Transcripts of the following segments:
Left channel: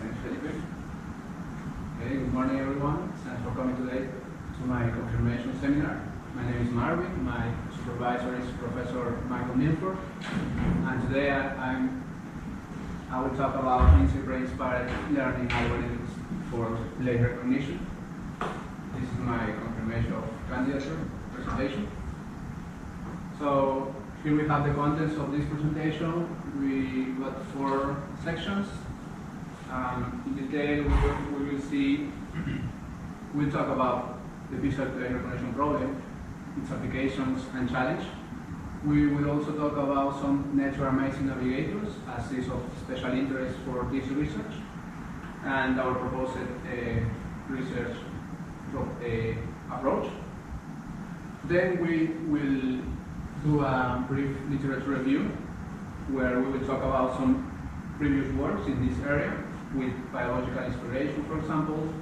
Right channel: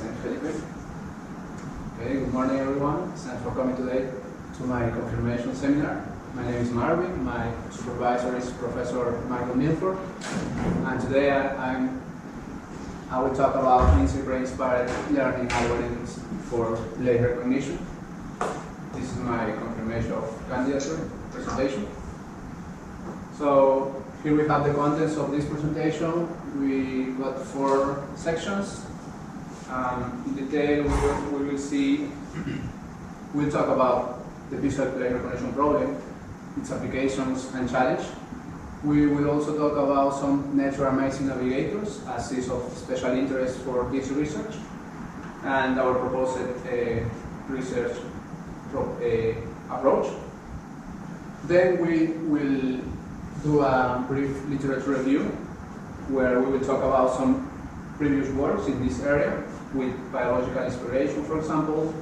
Thanks, Felipe. Okay, good morning, everyone. Thanks for coming today to my confirmation seminar. My name is Marvin. My supervisor is Professor Michael Milford. And today I will talk about inspired learning algorithms for late recognition. This is my confirmation of candidature presentation. So here we have the contents of this presentation. We got 4 sections. In detail, we will see, we'll talk about the visual plane recognition problem, its applications and challenge. We will also talk about some natural amazing navigators as is of special interest for this research, and our proposed research approach. Then we will do a brief literature review where we will talk about some previous works in this area with biological inspiration, for example,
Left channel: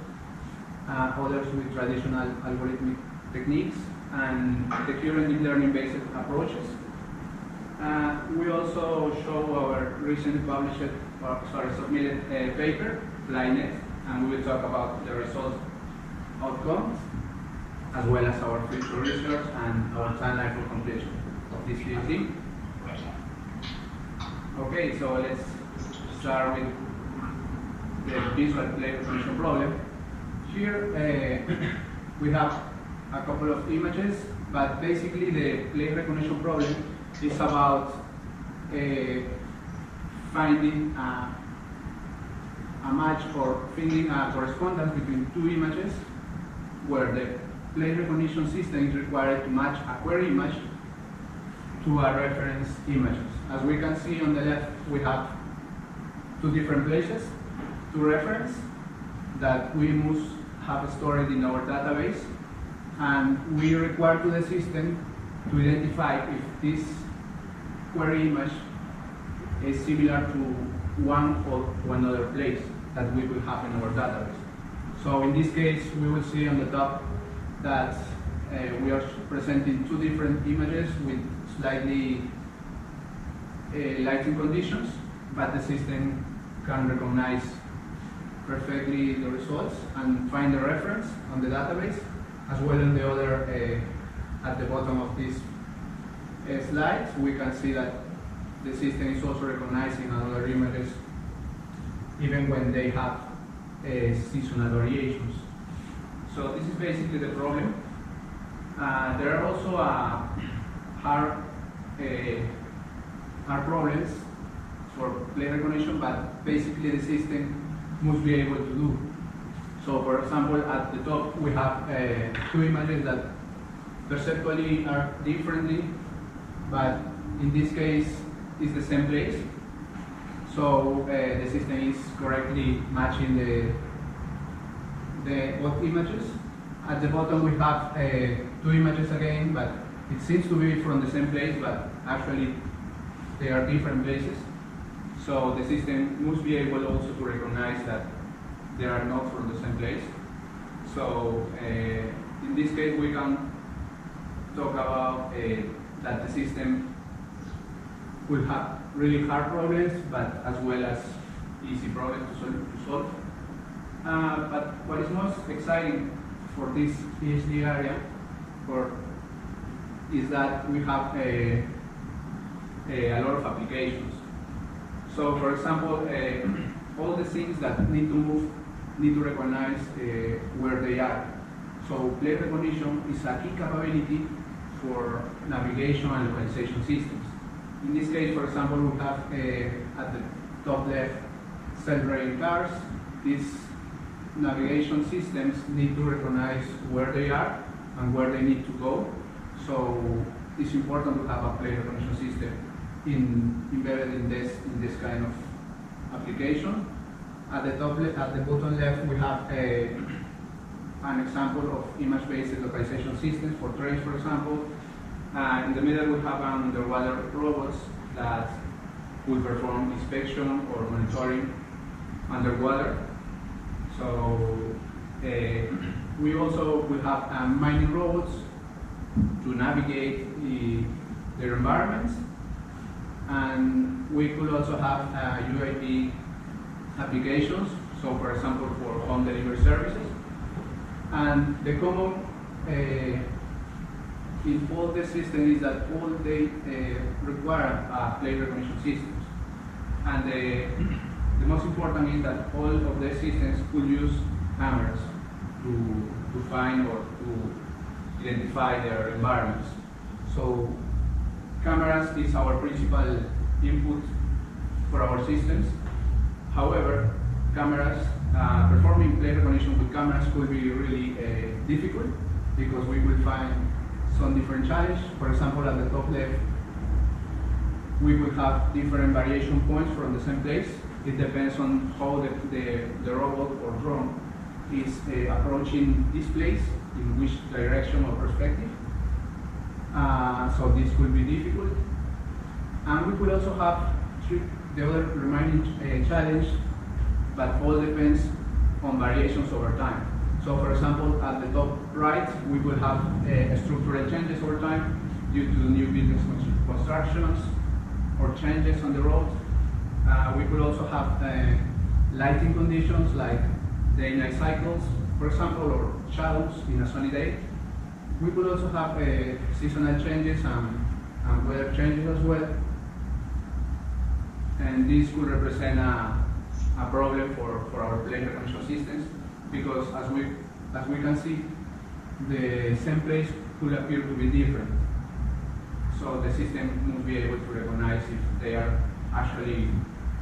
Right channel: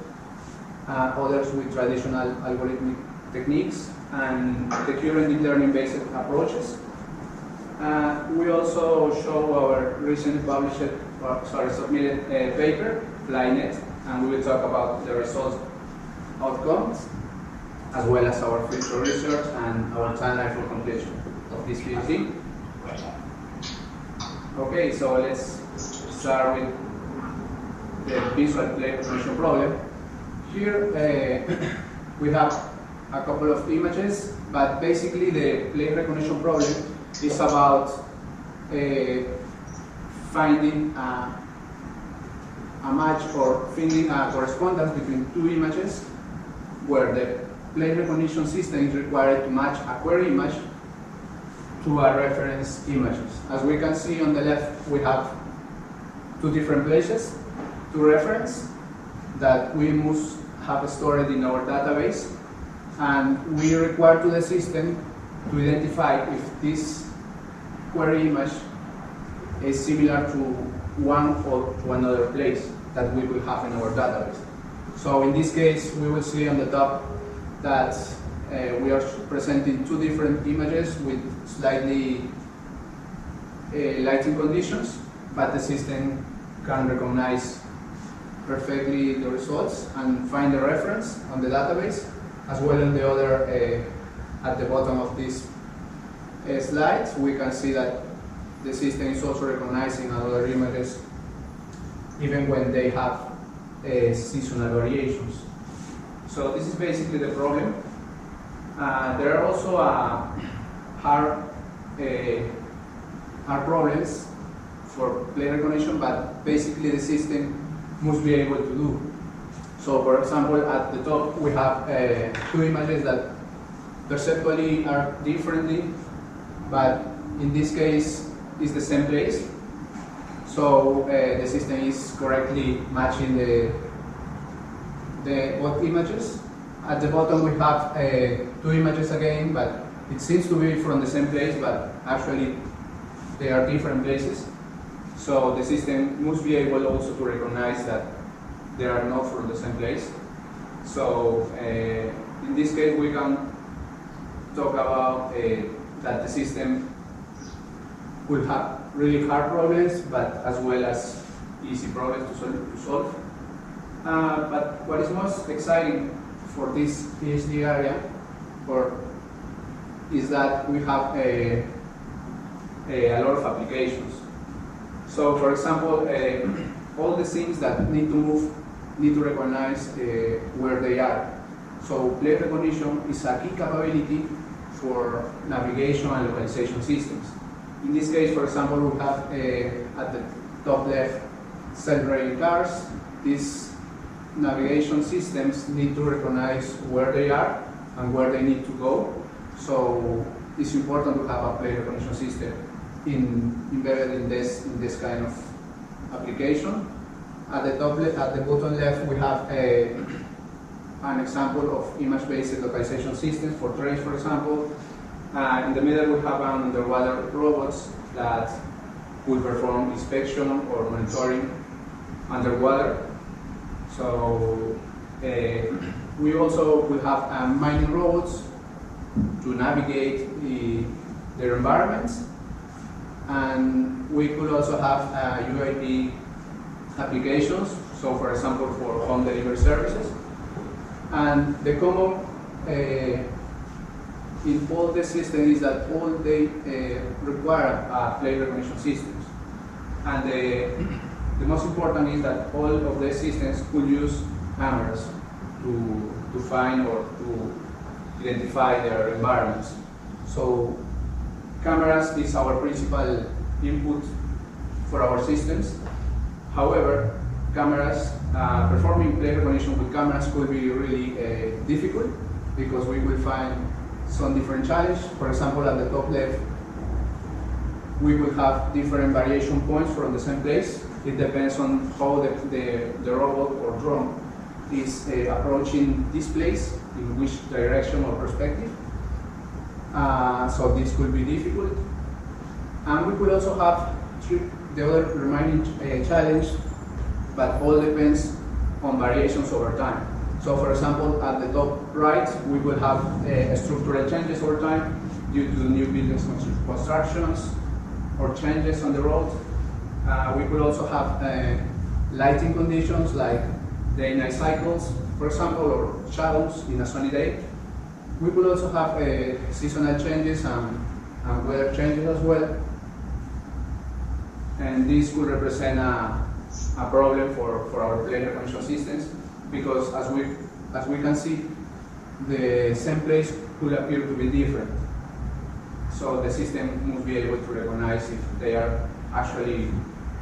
others with traditional algorithmic techniques, and the current deep learning-based approaches. We also show our recently submitted paper, PlyNet, and we will talk about the results, outcomes, as well as our future research and our timeline for completion of this PhD. Okay, so let's start with the visual plane recognition problem. Here we have a couple of images, but basically the plane recognition problem is about finding a match or finding a correspondence between 2 images where the plane recognition system is required to match a query image to a reference images. As we can see on the left, we have 2 different places to reference that we must have stored in our database, and we require to the system to identify if this query image is similar to one or to another place that we will have in our database. So in this case, we will see on the top that we are presenting 2 different images with slightly lighting conditions, but the system can recognize perfectly the results and find the reference on the database, as well as the other at the bottom of this slide. We can see that the system is also recognizing other images even when they have seasonal variations. So this is basically the problem. There are also hard problems for plane recognition, but basically the system must be able to do. So for example, at the top we have 2 images that perceptually are differently, but in this case it's the same place. So the system is correctly matching the both images. At the bottom we have 2 images again, but it seems to be from the same place, but actually they are different places. So the system must be able also to recognize that they are not from the same place. So in this case we can talk about that the system will have really hard problems, but as well as easy problems to solve. But what is most exciting for this PhD area is that we have a lot of applications. So for example, all the things that need to move need to recognize where they are. So plane recognition is a key capability for navigation and localization systems. In this case, for example, we have at the top left self-driving cars. These navigation systems need to recognize where they are and where they need to go. So it's important to have a plane recognition system embedded in this kind of application. At the bottom left, we have an example of image-based localization systems for trains, for example. In the middle, we have an underwater robots that will perform inspection or monitoring underwater. So we also will have mining robots to navigate their environments, and we could also have UAV applications, so for example for home delivery services. And the common in all the systems is that all they require plate recognition systems. And the most important is that all of the systems could use cameras to find or to identify their environments. So cameras is our principal input for our systems. However, cameras, performing plate recognition with cameras could be really difficult because we will find some different challenges. For example, at the top left, we could have different variation points from the same place. It depends on how the robot or drone is approaching this place, in which direction or perspective. So this could be difficult. And we could also have the other remaining challenge, but all depends on variations over time. So for example, at the top right, we will have structural changes over time due to new buildings constructions or changes on the road. We could also have lighting conditions like day-night cycles, for example, or shadows in a sunny day. We could also have seasonal changes and weather changes as well. And this could represent a problem for our plate recognition systems, because as we can see, the same place could appear to be different. So the system must be able to recognize if they are actually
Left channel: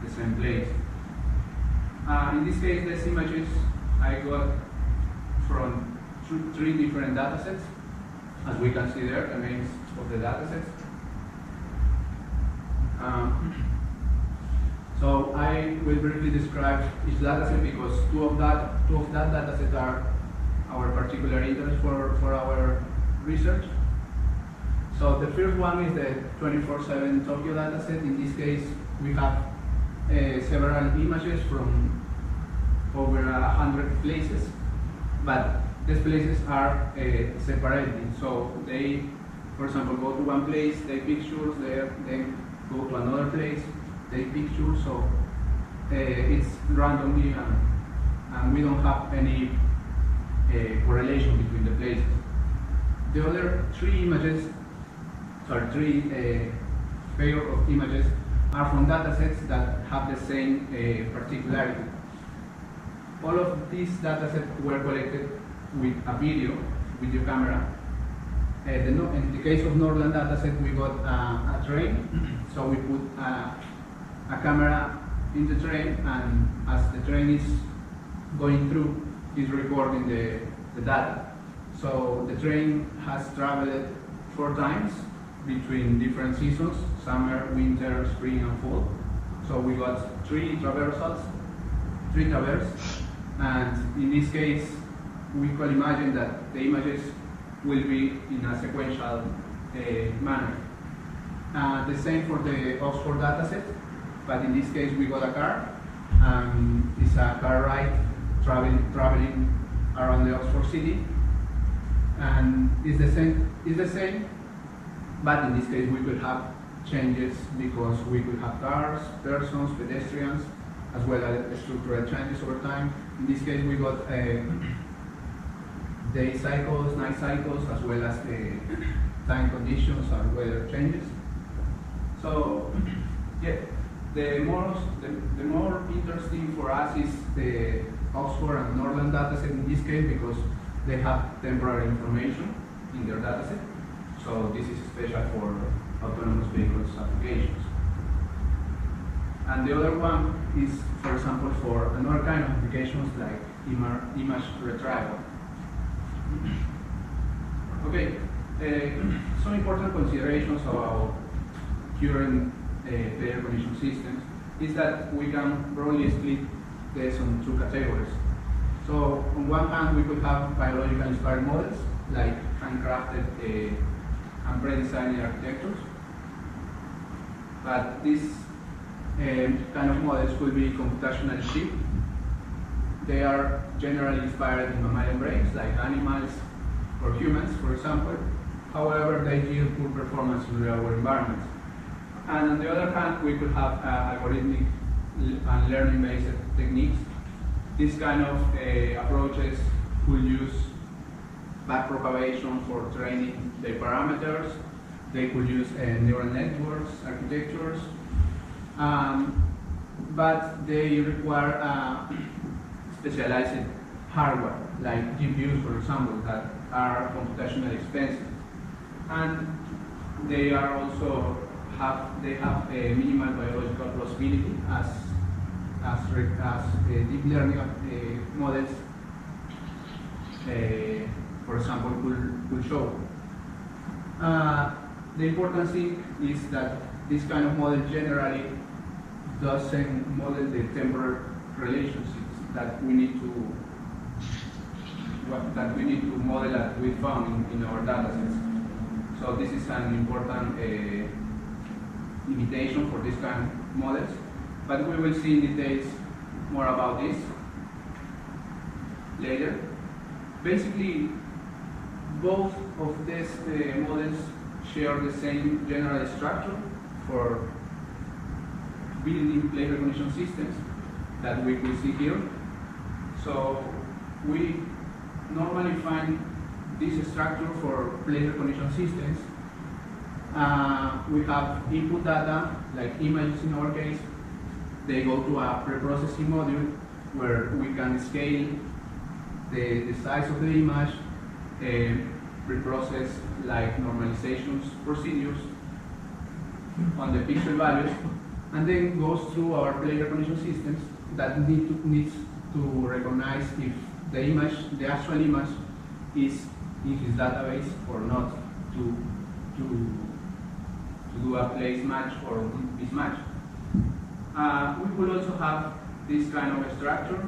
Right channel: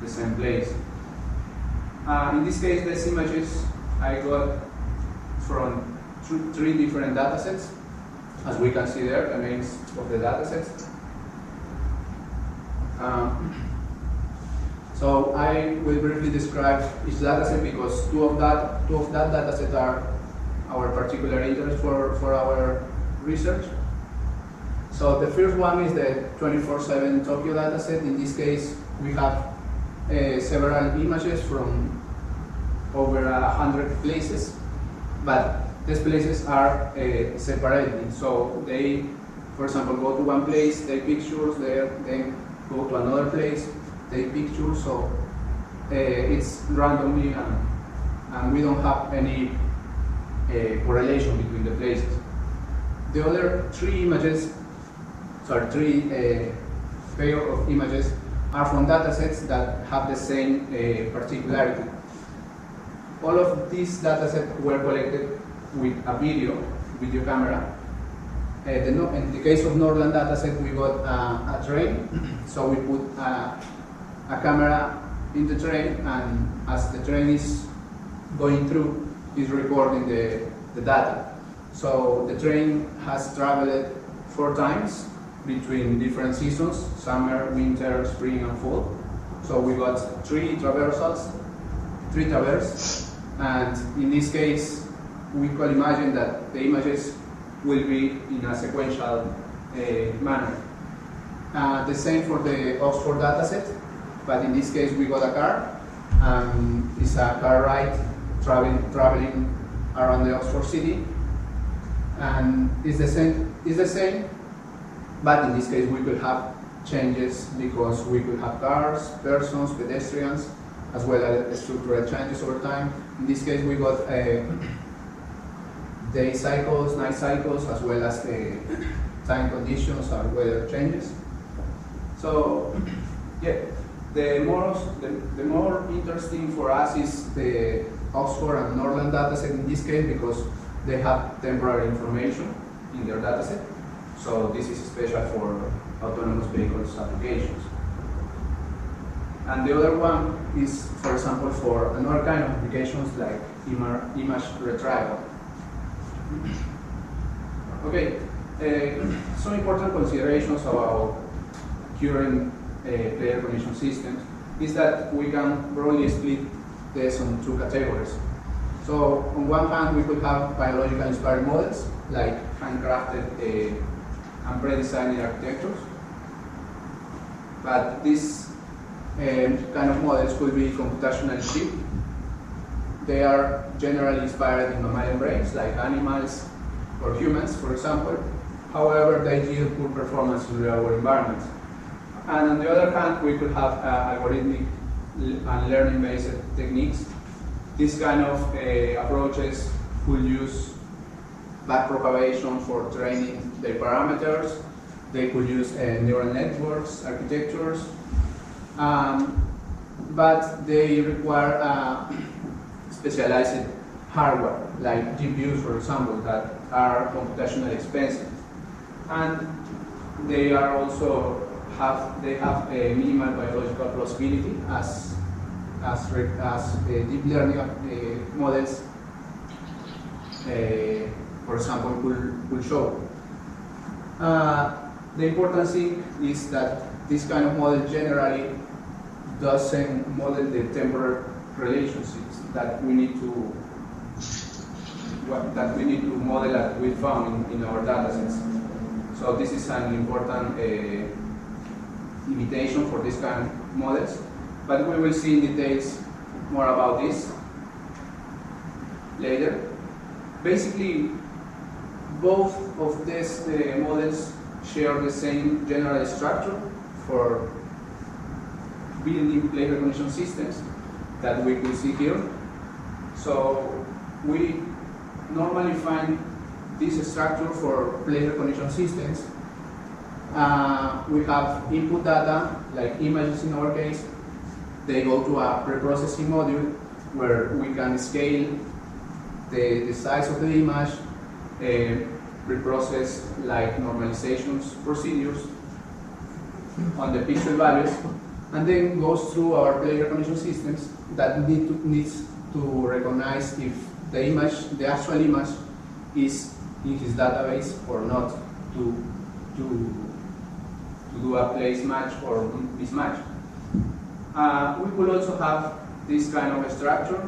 the same place. In this case, these images I got from three different data sets. As we can see there, the names of the data sets. So I will briefly describe each data set because two of that data set are our particular interest for our research. So the first one is the 24/7 Tokyo data set. In this case, we have several images from over 100 places, but these places are separated. So they, for example, go to one place, take pictures there, then go to another place, take pictures. So it's randomly, and we don't have any correlation between the places. The other three images, three pair of images, are from data sets that have the same particularity. All of these data sets were collected with a video camera. In the case of Norland dataset, we got a train, so we put a camera in the train, and as the train is going through, it's recording the data. So the train has traveled 4 times between different seasons: summer, winter, spring, and fall. So we got 3 traversals, and in this case, we could imagine that the images will be in a sequential manner. The same for the Oxford dataset, but in this case we got a car, and it's a car ride traveling around the Oxford city, and it's the same, but in this case we could have changes because we could have cars, persons, pedestrians, as well as structural changes over time. In this case we got day cycles, night cycles, as well as time conditions or weather changes. So, yeah, the more interesting for us is the Oxford and Norland dataset in this case, because they have temporary information in their dataset. So this is special for autonomous vehicles applications. And the other one is, for example, for another kind of applications like image retrieval. Okay, some important considerations about current plate recognition systems is that we can broadly split this on 2 categories. So on one hand, we could have biological inspired models, like handcrafted and pre-designed architectures. But these kind of models could be computationally cheap. They are generally inspired in mammalian brains, like animals or humans, for example. However, they yield poor performance in real-world environments. And on the other hand, we could have algorithmic and learning-based techniques. These kind of approaches could use backpropagation for training their parameters. They could use neural networks, architectures, but they require specialized hardware, like GPUs, for example, that are computationally expensive. And they are also have a minimal biological plausibility as deep learning models, for example, could show. The important thing is that this kind of model generally doesn't model the temporal relationships that we need to model that we found in our datasets. So this is an important limitation for this kind of models, but we will see in details more about this later. Basically, both of these models share the same general structure for building play recognition systems that we will see here. So we normally find this structure for play recognition systems. We have input data, like images in our case. They go to a preprocessing module where we can scale the size of the image, reprocess like normalizations procedures on the pixel values, and then goes through our play recognition systems that needs to recognize if the image, the actual image, is in his database or not, to do a place match or mismatch. We could also have this kind of structure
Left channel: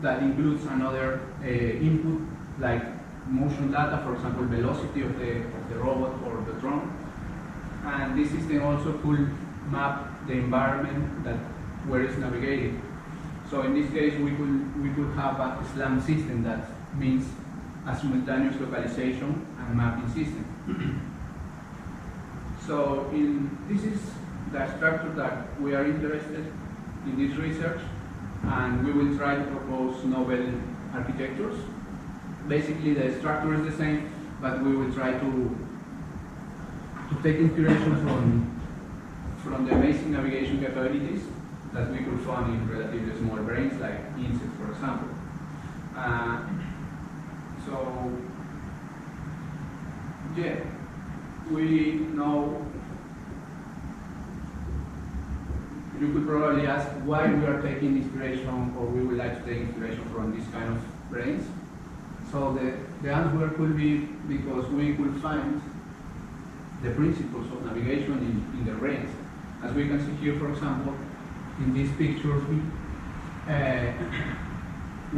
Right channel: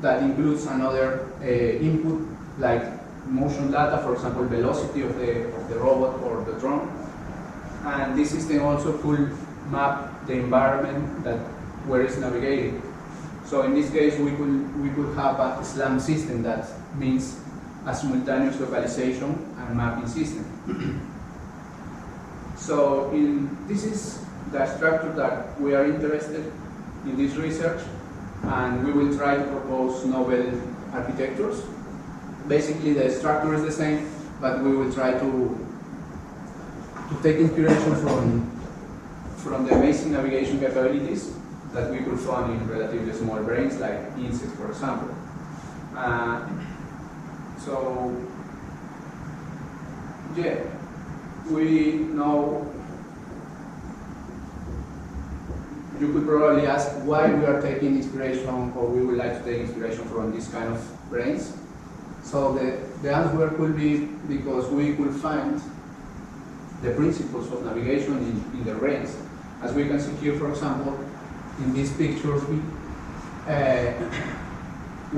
that includes another input like motion data, for example, velocity of the robot or the drone. And this system also could map the environment that where it's navigating. So in this case, we could have a SLAM system that means a simultaneous localization and mapping system. So this is the structure that we are interested in this research, and we will try to propose novel architectures. Basically, the structure is the same, but we will try to take inspiration from the basic navigation capabilities that we could find in relatively small brains, like insects, for example. So, yeah, we know, you could probably ask why we are taking inspiration, or we would like to take inspiration from this kind of brains. So the answer could be because we could find the principles of navigation in the brains. As we can see here, for example, in these pictures, we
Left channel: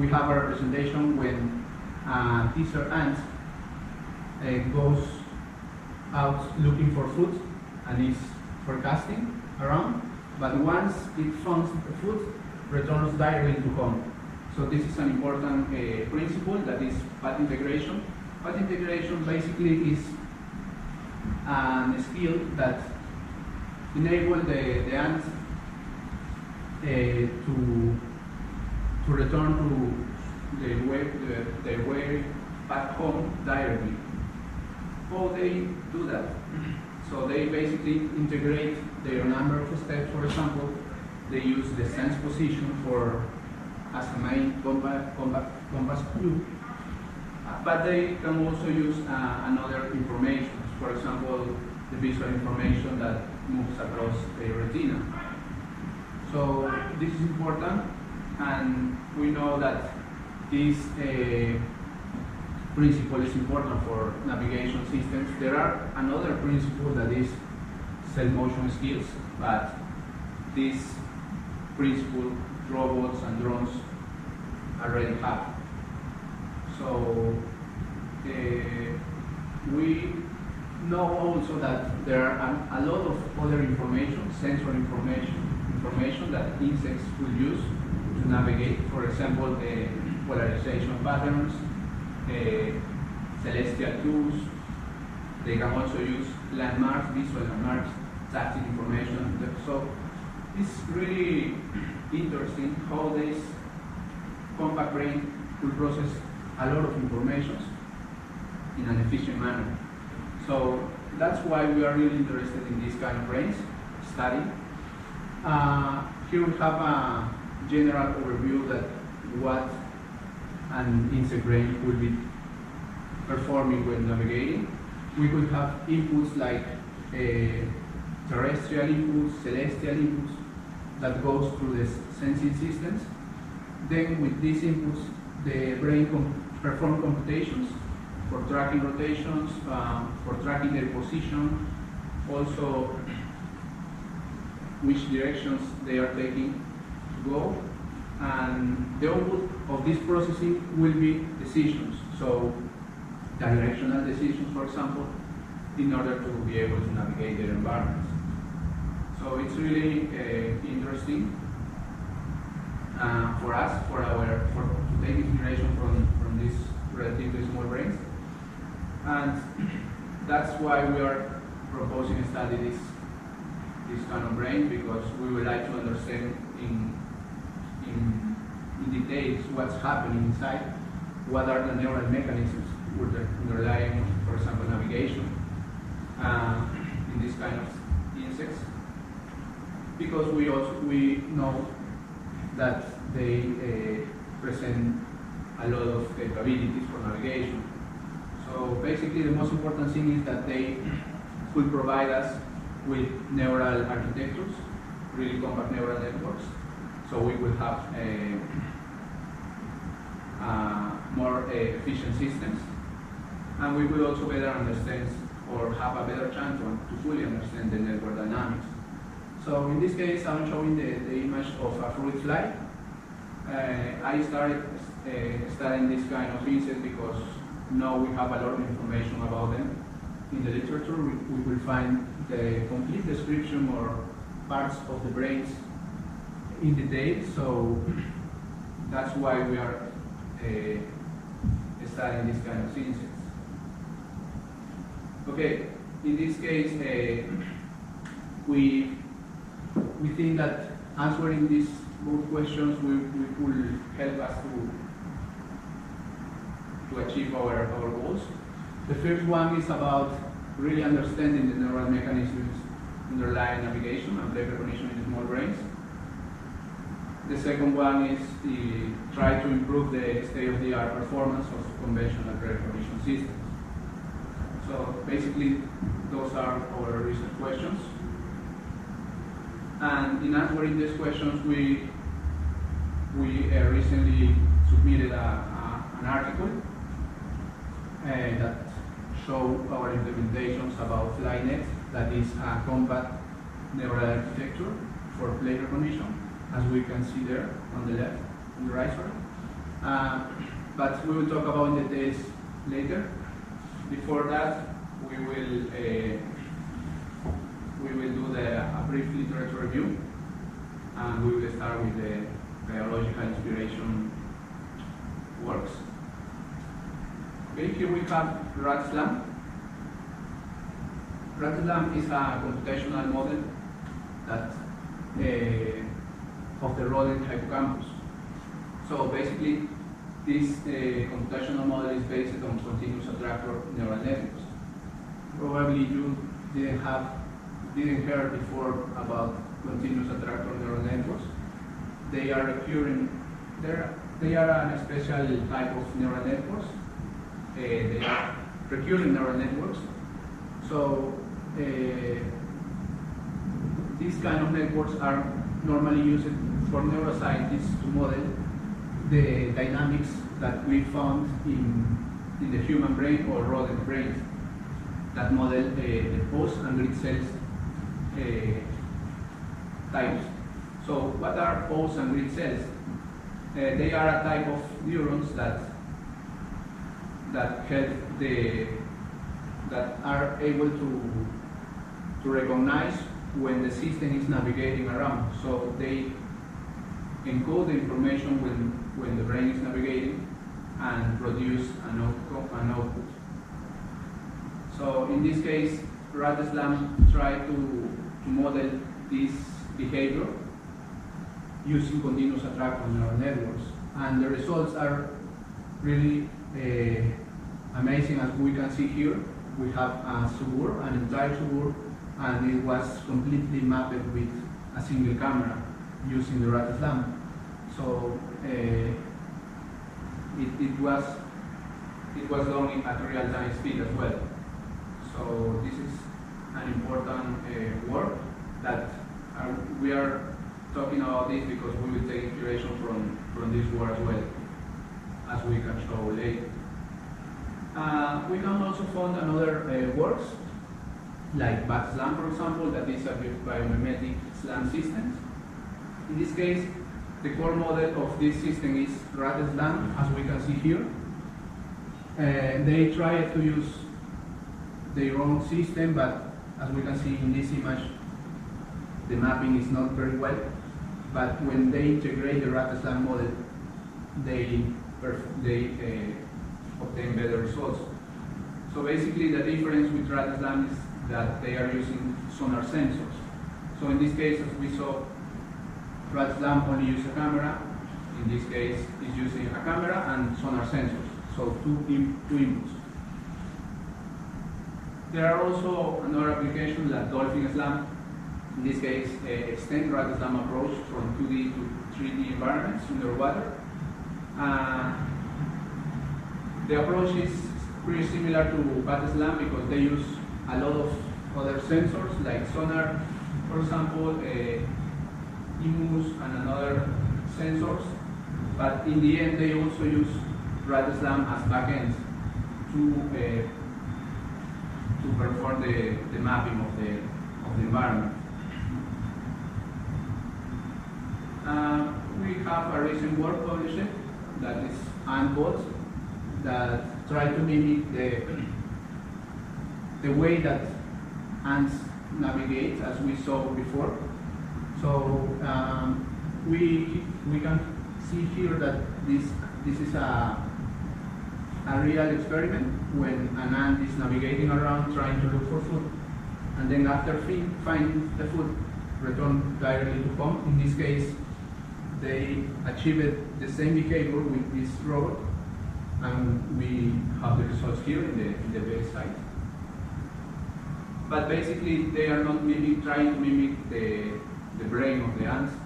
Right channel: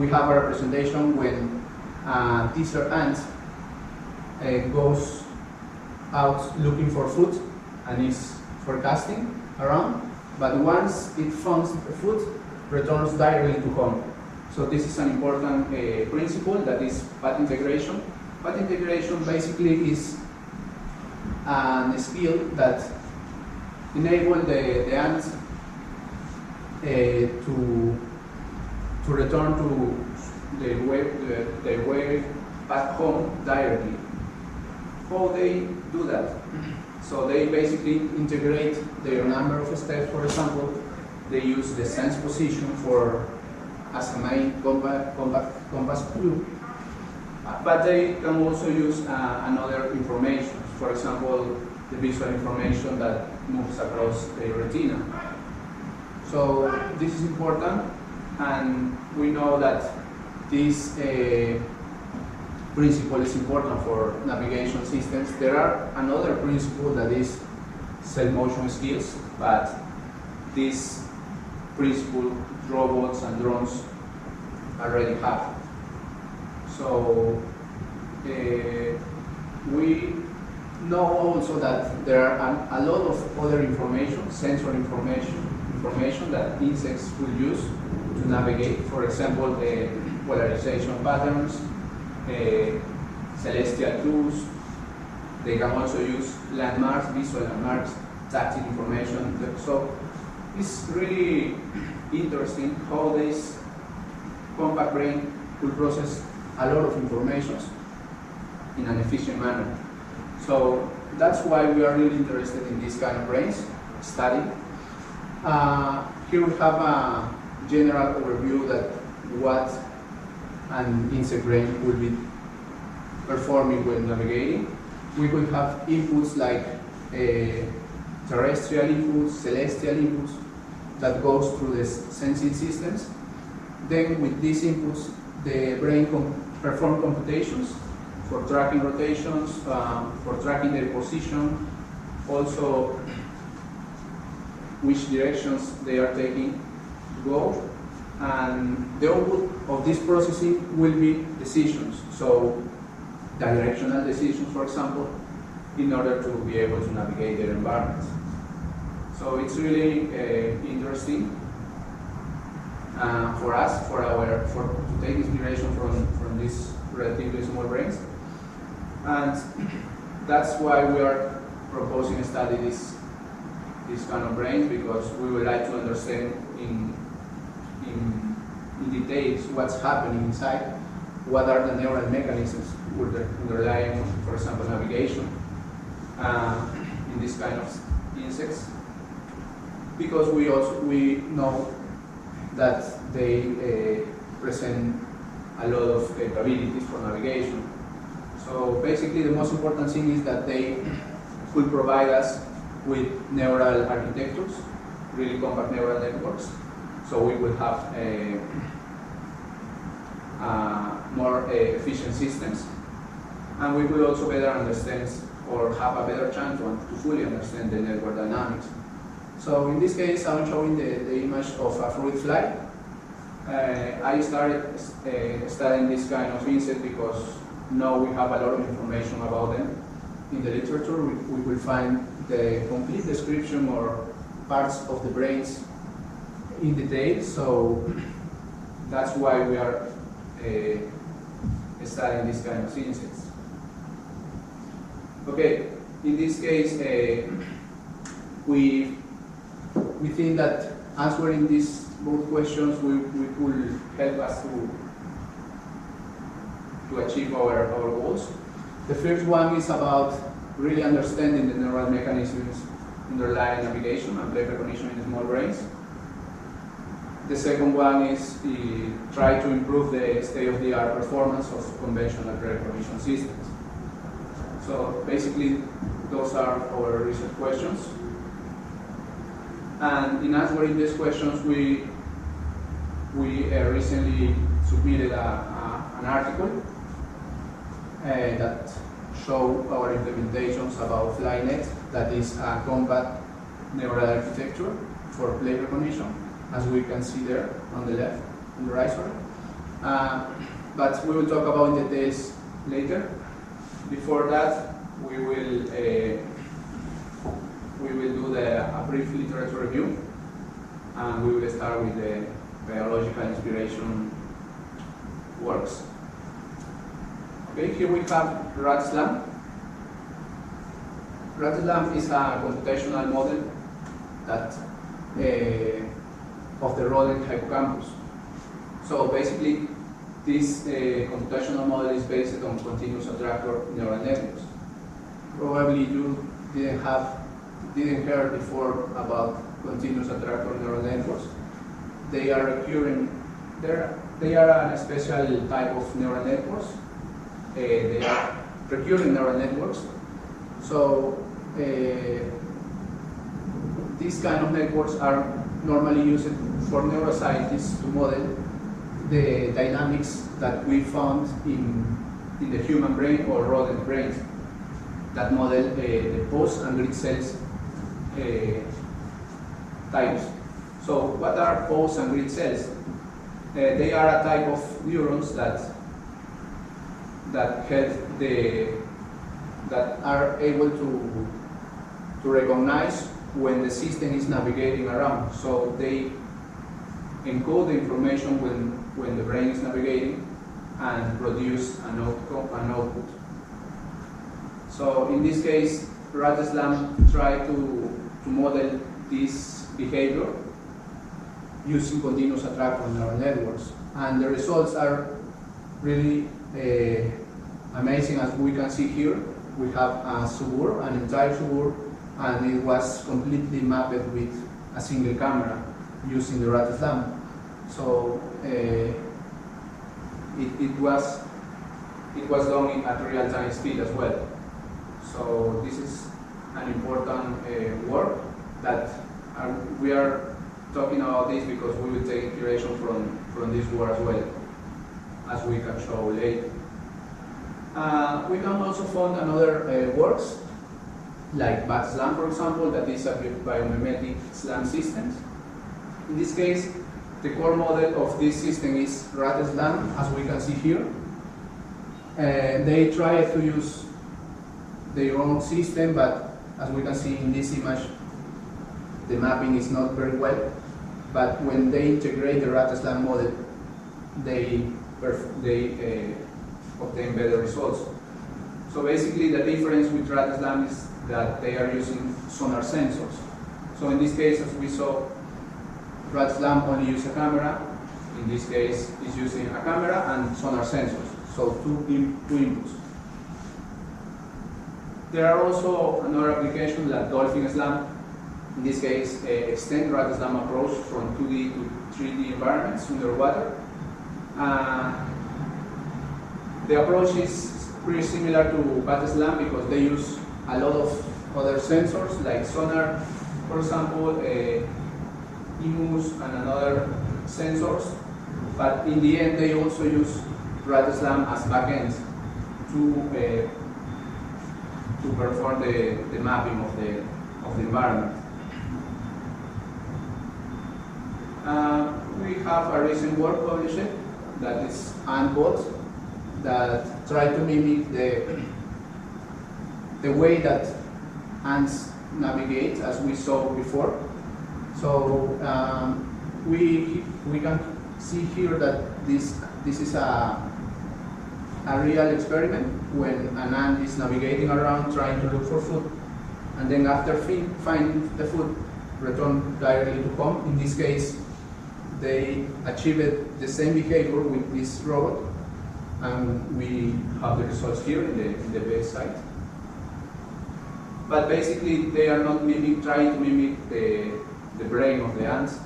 have a representation when a teaser ant goes out looking for food and is forecasting around, but once it finds the food, returns directly to home. So this is an important principle, that is path integration. Path integration basically is a skill that enables the ant to return to their way back home directly. How they do that? So they basically integrate their number of steps. For example, they use the sense position as a main compass clue, but they can also use another information. For example, the visual information that moves across the retina. So this is important, and we know that this principle is important for navigation systems. There are another principle that is self-motion skills, but this principle robots and drones already have. So we know also that there are a lot of other information, sensor information that insects will use to navigate. For example, polarization patterns, celestial clues. They can also use landmarks, visual landmarks, tactile information. So it's really interesting how this compact brain could process a lot of information in an efficient manner. So that's why we are really interested in this kind of brains study. Here we have a general overview that what an insect brain will be performing when navigating. We could have inputs like terrestrial inputs, celestial inputs that goes through the sensing systems. Then with these inputs, the brain perform computations for tracking rotations, for tracking their position, also which directions they are taking to go. And the output of this processing will be decisions. So directional decisions, for example, in order to be able to navigate their environments. So it's really interesting for us, to take inspiration from these relatively small brains. And that's why we are proposing to study this kind of brains, because we would like to understand in details what's happening inside, what are the neural mechanisms underlying, for example, navigation in this kind of insects, because we know that they present a lot of capabilities for navigation. So basically the most important thing is that they could provide us with neural architectures, really compact neural networks, so we will have more efficient systems, and we will also better understand or have a better chance to fully understand the network dynamics. So in this case, I'm showing the image of a fruit fly. I started studying this kind of insect because now we have a lot of information about them. In the literature, we will find the complete description or parts of the brains in detail, so that's why we are studying this kind of insects. Okay, in this case, we think that answering these both questions will help us to achieve our goals. The first one is about really understanding the neural mechanisms underlying navigation and play recognition in small brains. The second one is try to improve the state-of-the-art performance of conventional play recognition systems. So basically, those are our research questions. And in answering these questions, we recently submitted an article that show our implementations about FlyNet, that is a compact neural architecture for play recognition, as we can see there on the left, on the right, sorry. But we will talk about details later. Before that, we will do a brief literature review, and we will start with the biological inspiration works. Okay, here we have RATSLAM. RATSLAM is a computational model that of the rodent hippocampus. So basically, this computational model is based on continuous attractor neural networks. Probably you didn't hear before about continuous attractor neural networks. They are recurring. They are a special type of neural networks. They are recurring neural networks. So these kind of networks are normally used for neuroscientists to model the dynamics that we found in the human brain or rodent brains that model the post and grid cells types. So what are post and grid cells? They are a type of neurons that are able to recognize when the system is navigating around. So they encode the information when the brain is navigating and produce an output. So in this case, RATSLAM tried to model this behavior using continuous attractor neural networks. And the results are really amazing. As we can see here, we have a suburb, an entire suburb, and it was completely mapped with a single camera using the RATSLAM. So it was done at real-time speed as well. So this is an important work that we are talking about this because we will take inspiration from this work as well, as we can show later. We can also find another works, like BAT-SLAM, for example, that is a biomimetic SLAM system. In this case, the core model of this system is RATSLAM, as we can see here. They try to use their own system, but as we can see in this image, the mapping is not very well. But when they integrate the RATSLAM model, they obtain better results. So basically, the difference with RATSLAM is that they are using sonar sensors. So in this case, as we saw, RATSLAM only uses a camera. In this case, is using a camera and sonar sensors. So two inputs. There are also another application like Dolphin SLAM. In this case, extend RATSLAM approach from 2D to 3D environments underwater. The approach is pretty similar to BAT-SLAM because they use a lot of other sensors like sonar, for example, IMUs and another sensors. But in the end, they also use RATSLAM as backends to perform the mapping of the environment. We have a recent work published that is AntBot that try to mimic the way that ants navigate, as we saw before. So we can see here that this is a real experiment when an ant is navigating around trying to look for food, and then after finding the food, return directly to home. In this case, they achieved the same behavior with this robot, and we have the results here in the base site. But basically, they are not trying to mimic the brain of the ants.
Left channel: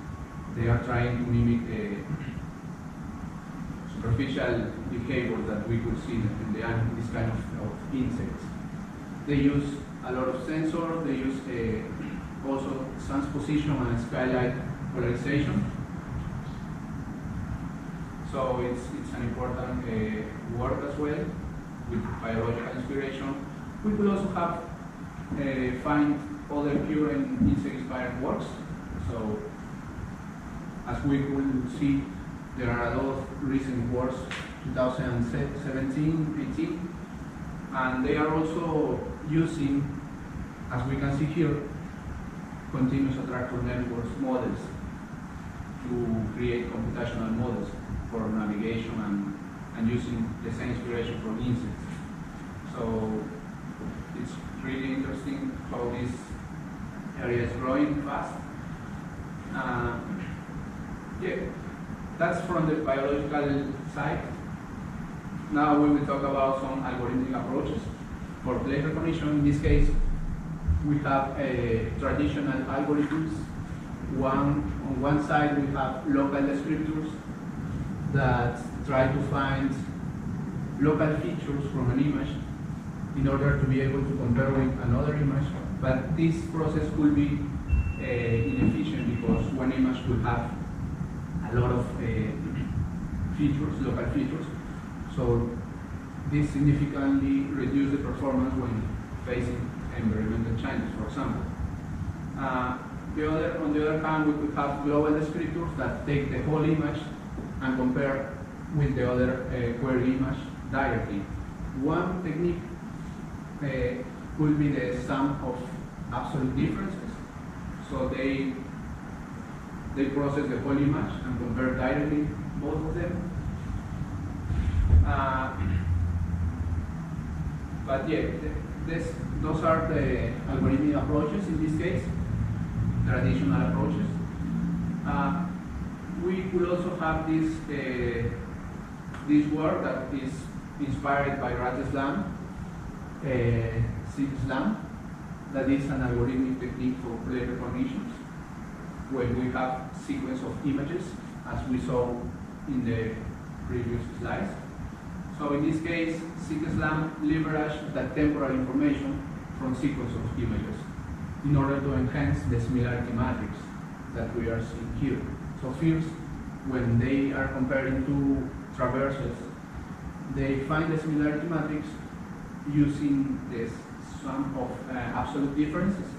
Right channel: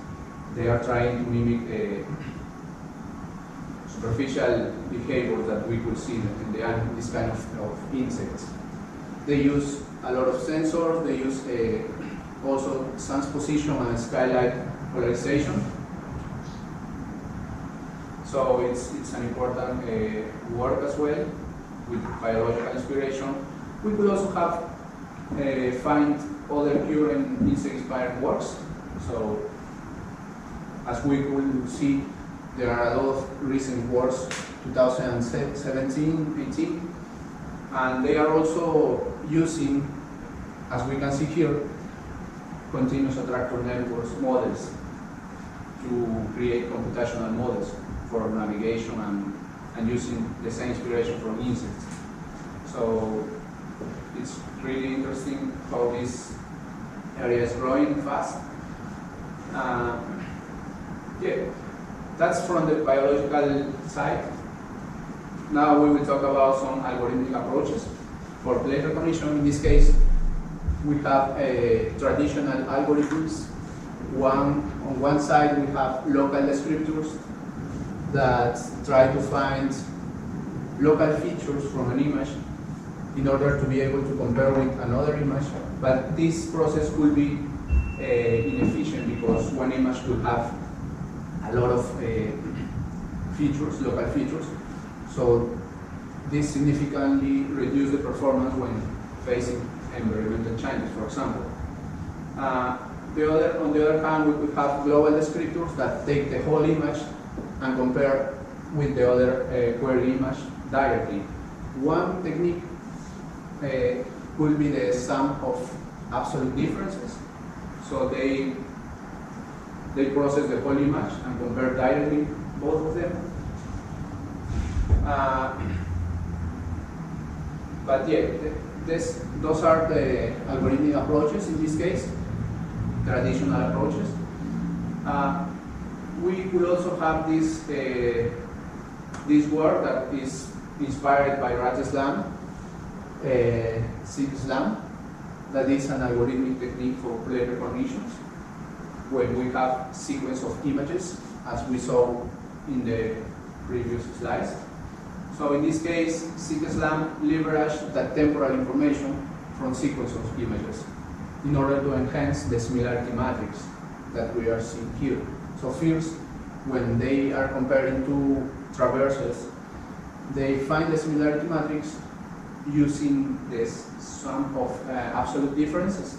They are trying to mimic superficial behavior that we could see in this kind of insects. They use a lot of sensors. They use also sun's position and skylight polarization. So it's an important work as well with biological inspiration. We could also have find other pure and insect-inspired works. So as we could see, there are a lot of recent works, 2017, 18, and they are also using, as we can see here, continuous attractor networks models to create computational models for navigation and using the same inspiration from insects. So it's really interesting how this area is growing fast. Yeah, that's from the biological side. Now we will talk about some algorithmic approaches for plate recognition. In this case, we have traditional algorithms. On one side, we have local descriptors that try to find local features from an image in order to be able to compare with another image. But this process could be inefficient because one image could have a lot of features, local features. So this significantly reduces the performance when facing environmental changes, for example. On the other hand, we could have global descriptors that take the whole image and compare with the other query image directly. One technique could be the sum of absolute differences. So they process the whole image and compare directly both of them. But yeah, those are the algorithmic approaches in this case, traditional approaches. we could also have this work that is inspired by RATSLAM, SIGSLAM, that is an algorithmic technique for play recognitions, when we have sequence of images, as we saw in the previous slides. So in this case, SIGSLAM leveraged the temporal information from sequence of images in order to enhance the similarity matrix that we are seeing here. So first, when they are comparing two traversals, they find the similarity matrix using this sum of absolute differences,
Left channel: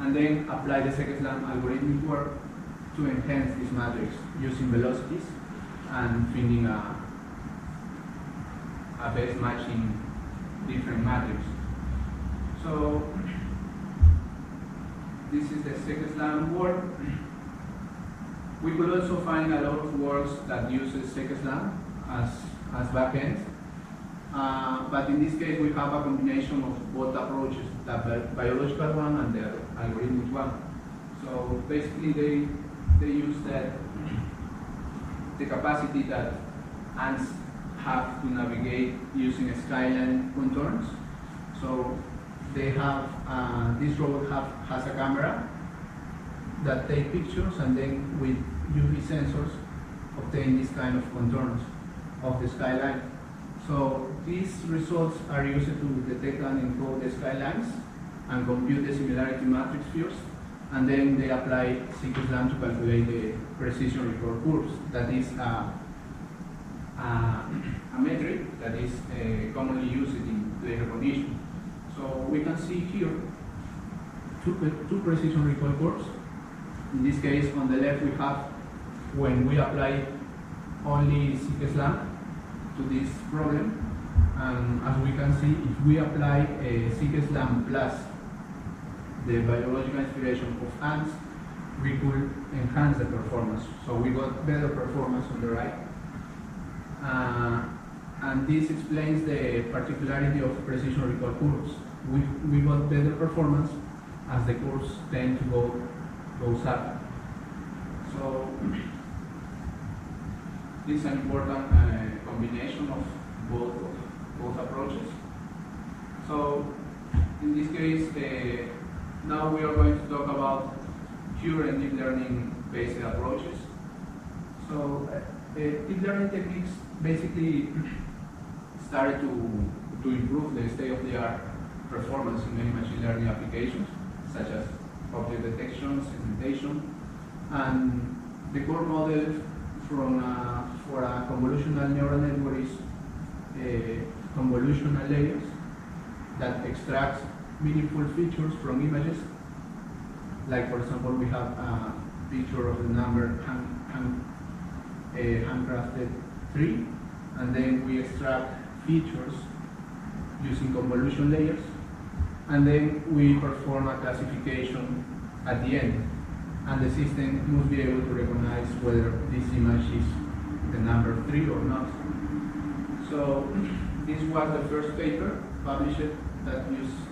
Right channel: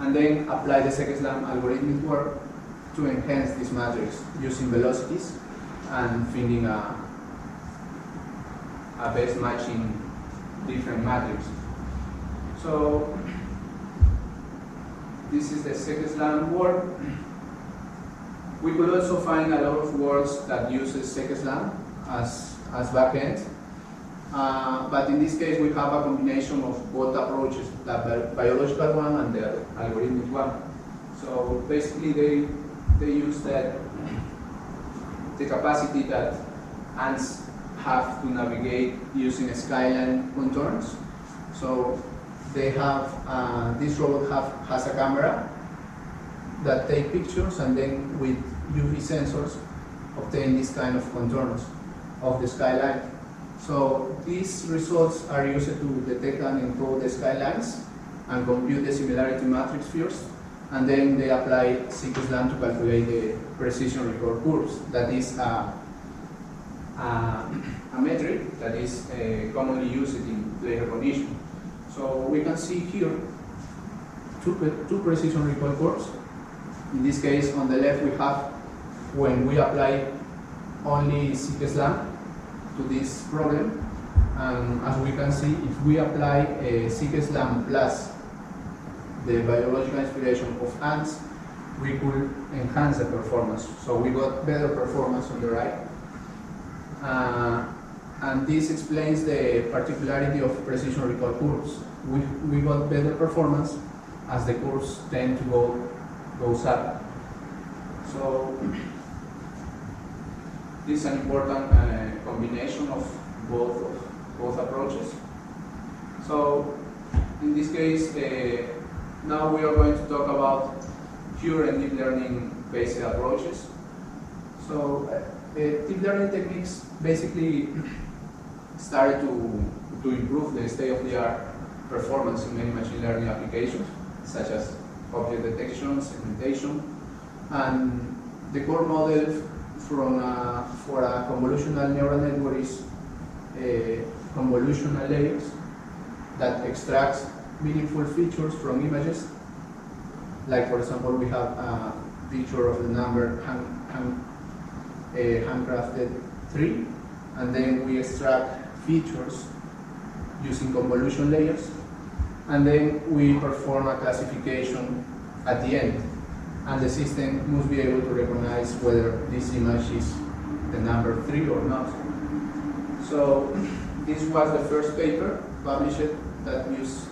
and then apply the SIGSLAM algorithmic work to enhance this matrix using velocities and finding a best matching different matrix. So this is the SIGSLAM work. We could also find a lot of works that uses SIGSLAM as backend. But in this case, we have a combination of both approaches, the biological one and the algorithmic one. So basically, they use the capacity that ants have to navigate using skyline contours. So they have, this robot has a camera that take pictures, and then with UV sensors obtain this kind of contours of the skyline. So these results are used to detect and encode the skylines and compute the similarity matrix first, and then they apply SIGSLAM to calculate the precision record curves. That is a metric that is commonly used in play recognition. So we can see here two precision record curves. In this case, on the left we have when we apply only SIGSLAM to this problem, and as we can see, if we apply a SIGSLAM plus the biological inspiration of ants, we could enhance the performance. So we got better performance on the right. And this explains the particularity of precision recall curves. We got better performance as the curves tend to goes up. So this is an important combination of both approaches. So in this case, now we are going to talk about pure and deep learning based approaches. So deep learning techniques basically started to improve the state-of-the-art performance in many machine learning applications, such as object detection, segmentation, and the core model for a convolutional neural network is convolutional layers that extracts meaningful features from images. Like, for example, we have a picture of the number handcrafted 3, and then we extract features using convolution layers, and then we perform a classification at the end, and the system must be able to recognize whether this image is the number 3 or not. So this was the first paper published that uses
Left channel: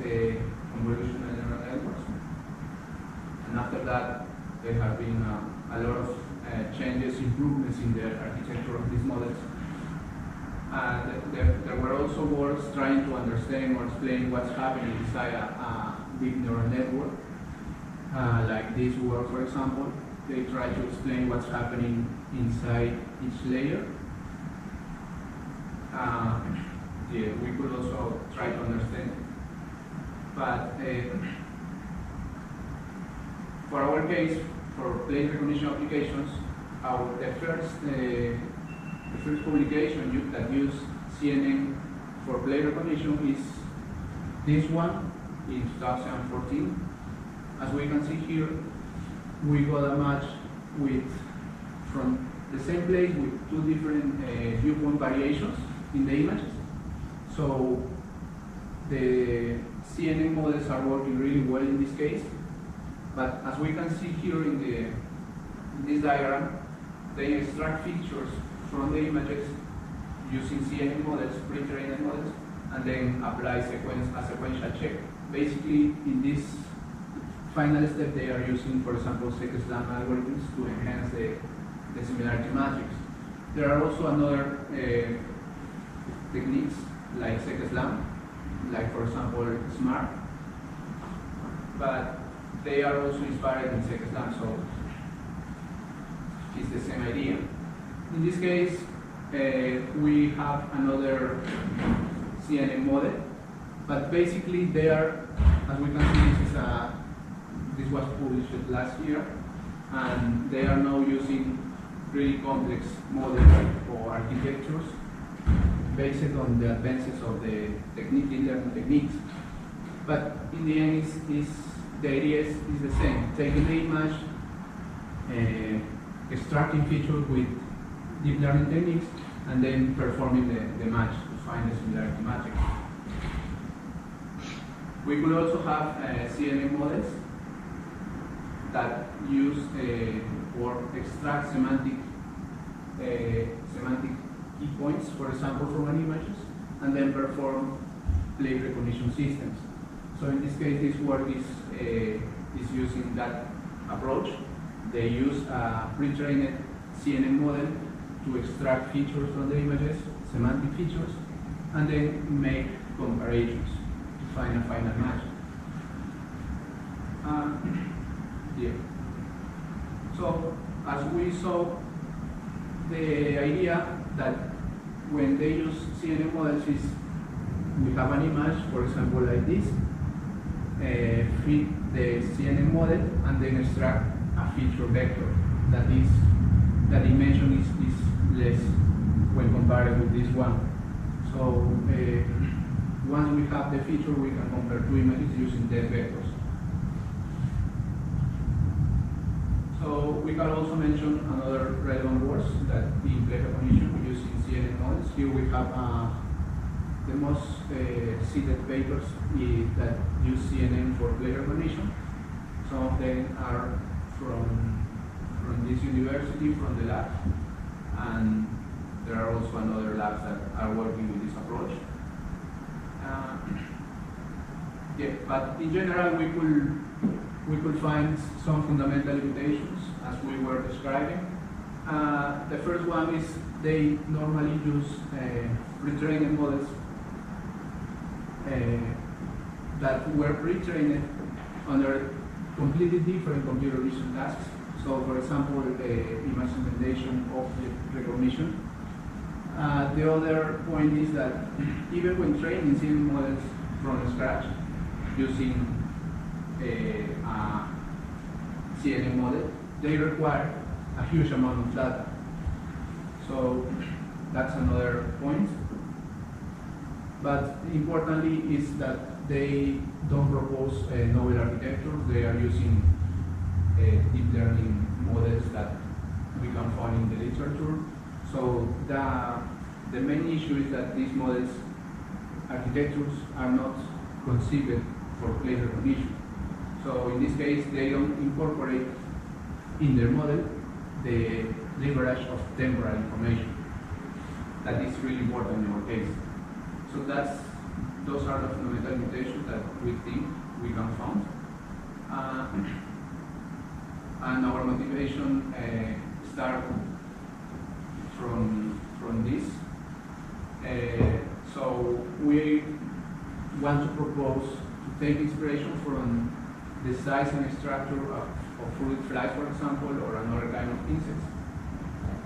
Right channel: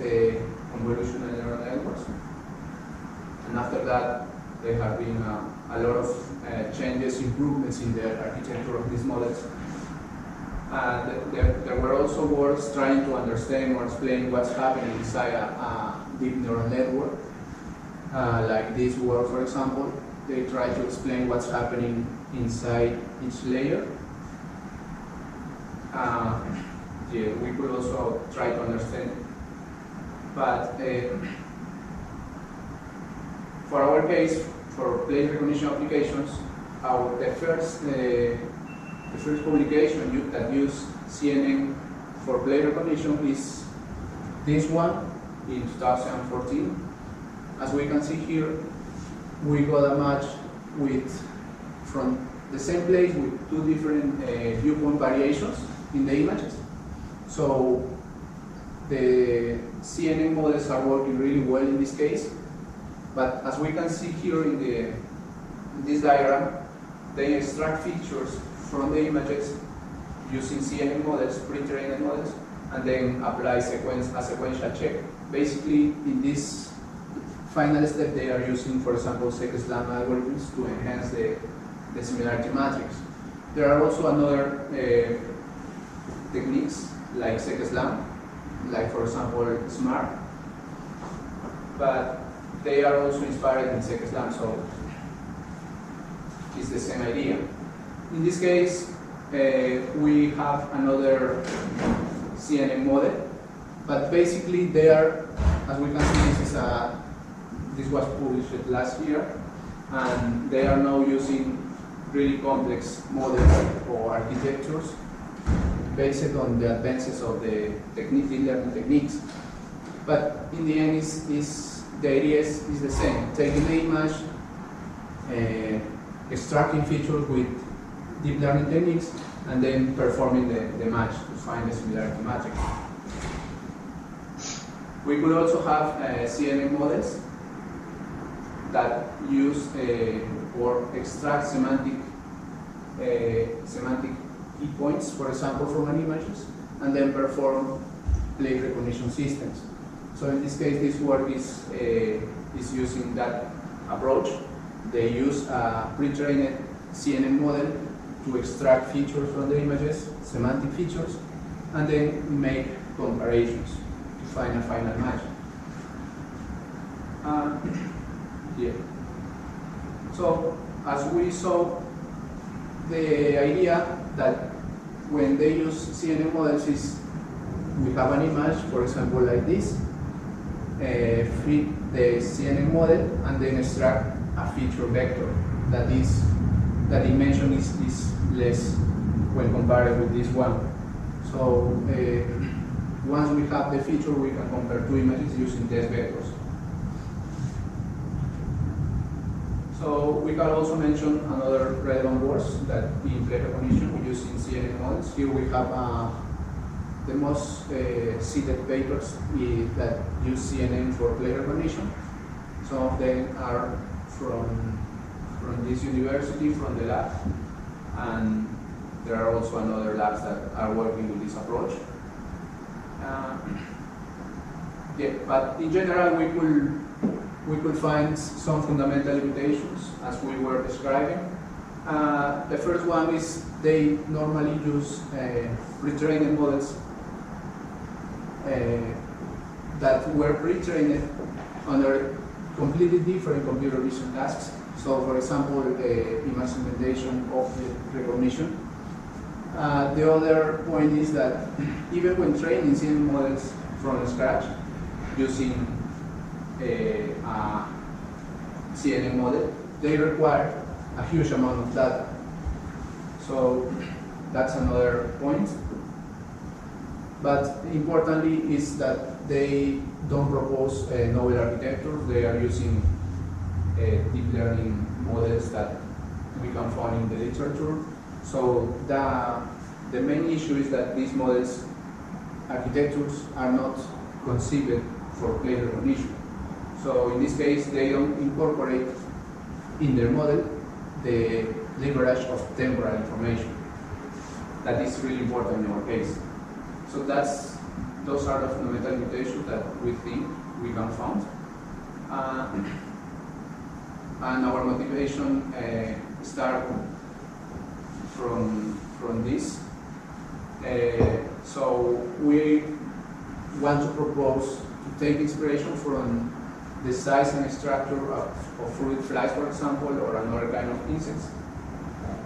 a convolutional neural networks, and after that there have been a lot of changes, improvements in the architecture of these models. There were also works trying to understand or explain what's happening inside a deep neural network. Like this work, for example, they try to explain what's happening inside each layer. Yeah, we could also try to understand. But for our case, for play recognition applications, the first publication that used CNN for play recognition is this one in 2014. As we can see here, we got a match from the same place with two different viewpoint variations in the images. So the CNN models are working really well in this case. But as we can see here in this diagram, they extract features from the images using CNN models, pre-trained models, and then apply a sequential check. Basically, in this final step, they are using, for example, SEC-SLAM algorithms to enhance the similarity matrix. There are also another techniques like SEC-SLAM, like for example SMART, but they are also inspired in SEC-SLAM, so it's the same idea. In this case, we have another CNN model, but basically they are, as we can see, this was published last year, and they are now using really complex models or architectures based on the advances of the deep learning techniques. But in the end, the idea is the same: taking the image, extracting features with deep learning techniques, and then performing the match to find the similarity matrix. We could also have CNN models that use or extract semantic key points, for example, from an images, and then perform plate recognition systems. So in this case, this work is using that approach. They use a pre-trained CNN model to extract features from the images, semantic features, and then make comparisons to find a final match. Yeah. So as we saw, the idea that when they use CNN models is we have an image, for example, like this, fit the CNN model, and then extract a feature vector that dimension is less when compared with this one. So once we have the feature, we can compare two images using test vectors. So we can also mention another relevant words that in plate recognition we use in CNN models. Here we have the most cited papers that use CNN for plate recognition. Some of them are from this university, from the lab, and there are also another labs that are working with this approach. Yeah, but in general, we could find some fundamental limitations as we were describing. The first one is they normally use pre-trained models that were pre-trained under completely different computer vision tasks. So, for example, image segmentation, object recognition. The other point is that even when training CNN models from scratch using a CNN model, they require a huge amount of data. So that's another point. But importantly is that they don't propose novel architectures. They are using deep learning models that we can find in the literature. So the main issue is that these models, architectures, are not conceived for plate recognition. So in this case, they don't incorporate in their model the leverage of temporal information. That is really important in our case. So those are the fundamental limitations that we think we can find. And our motivation starts from this. So we want to propose to take inspiration from the size and structure of fruit flies, for example, or another kind of insects,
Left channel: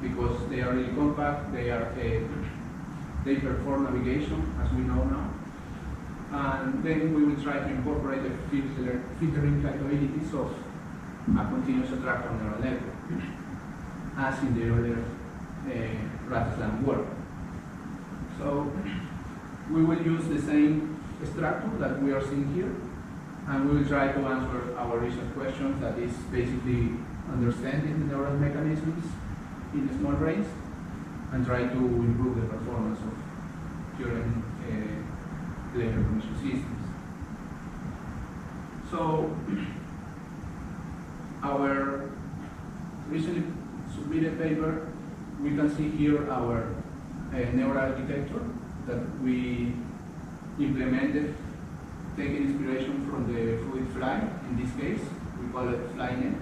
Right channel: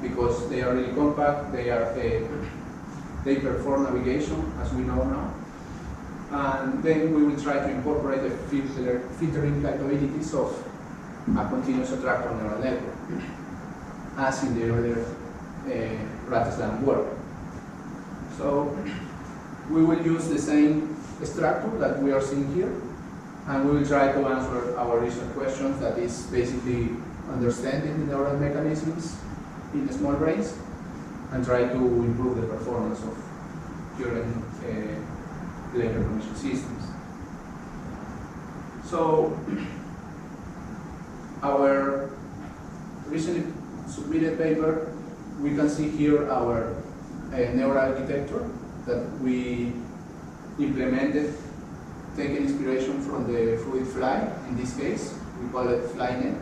because they are really compact, they perform navigation, as we know now. And then we will try to incorporate the filtering capabilities of a continuous attractor neural network, as in the earlier RAT-SLAM work. So we will use the same structure that we are seeing here, and we will try to answer our research questions, that is basically understanding neural mechanisms in the small brains, and try to improve the performance of current plate recognition systems. So our recently submitted paper, we can see here our neural architecture that we implemented taken inspiration from the fluid fly. In this case, we call it FlyNet.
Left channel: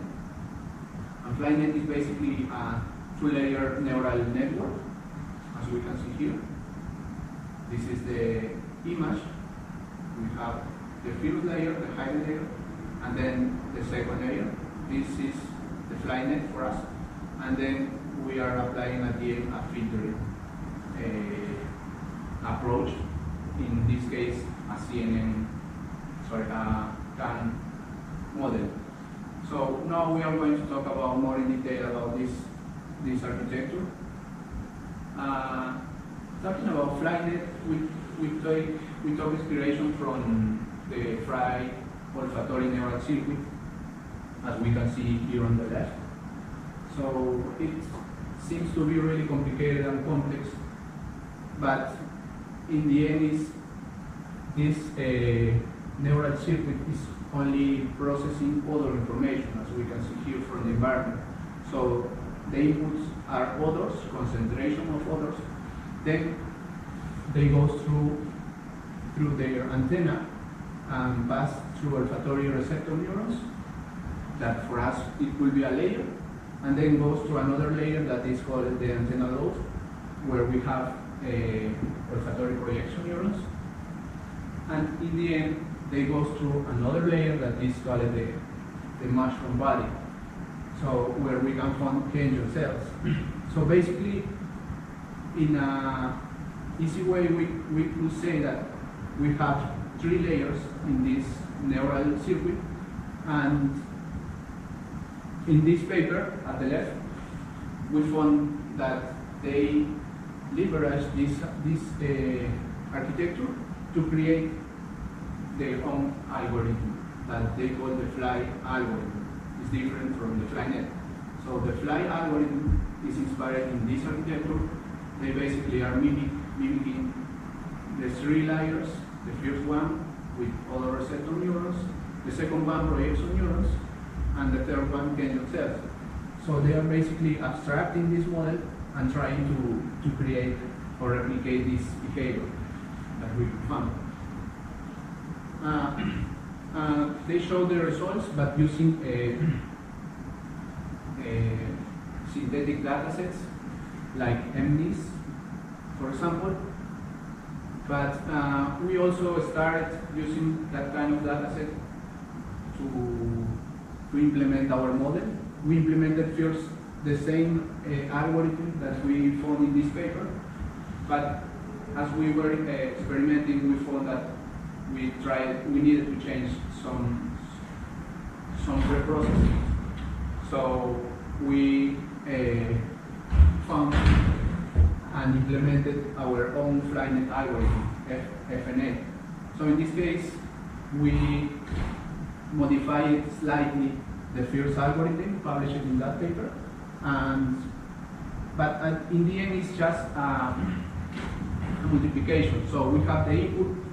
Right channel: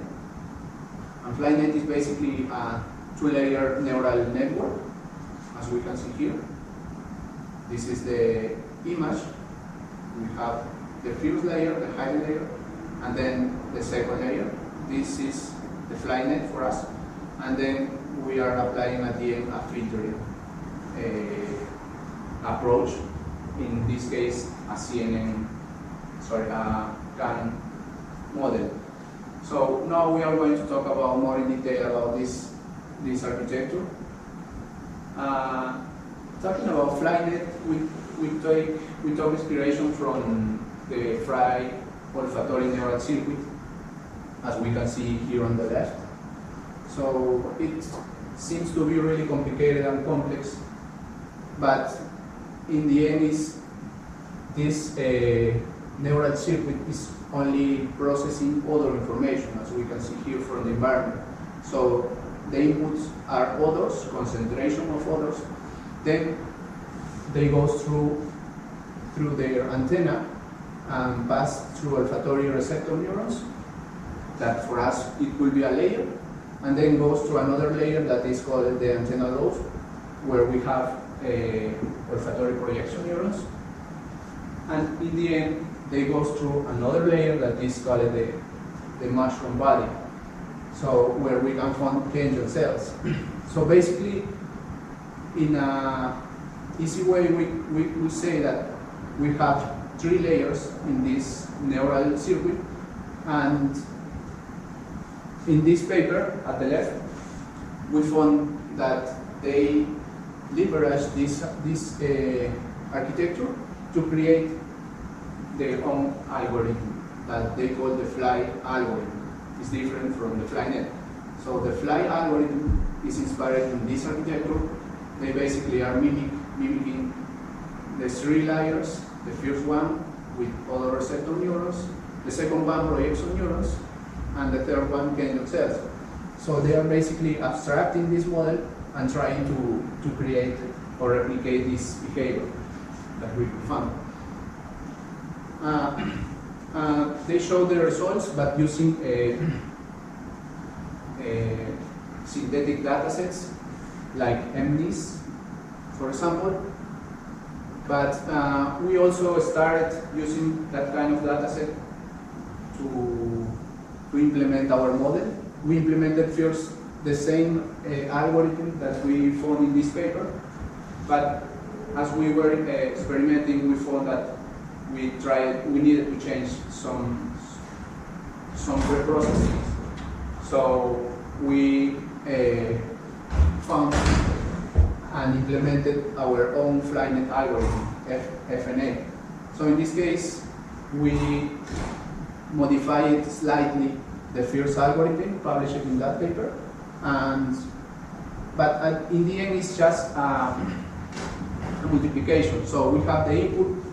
And FlyNet is basically a two-layer neural network, as we can see here. This is the image. We have the first layer, the high layer, and then the second layer. This is the FlyNet for us. And then we are applying at the end a filtering approach. In this case, a CAN model. So now we are going to talk about more in detail about this architecture. Talking about FlyNet, we took inspiration from the Fry olfactory neural circuit, as we can see here on the left. So it seems to be really complicated and complex, but in the end, this neural circuit is only processing odor information, as we can see here from the environment. So the inputs are odors, concentration of odors. Then they go through their antenna and pass through olfactory receptor neurons. That for us it will be a layer, and then goes to another layer that is called the antenna lobe, where we have olfactory projection neurons. And in the end, they go through another layer that is called the mushroom body, so where we can find ganglion cells. So basically, in an easy way, we say that we have three layers in this neural circuit, and in this paper at the left, we found that they leverage this architecture to create their own algorithm that they call the Fly algorithm. It's different from the FlyNet. So the Fly algorithm is inspired in this architecture. They basically are mimicking the three layers. The first one with odor receptor neurons, the second one projection neurons, and the third one ganglion cells. So they are basically abstracting this model and trying to create or replicate this behavior that we found. They show the results, but using synthetic data sets like MNIS, for example. But we also started using that kind of data set to implement our model. We implemented first the same algorithm that we found in this paper, but as we were experimenting, we found that we needed to change some preprocessing. So we found and implemented our own FlyNet algorithm, FNA. So in this case, we modified slightly the first algorithm, published in that paper, but in the end, it's just a multiplication. So we have the input,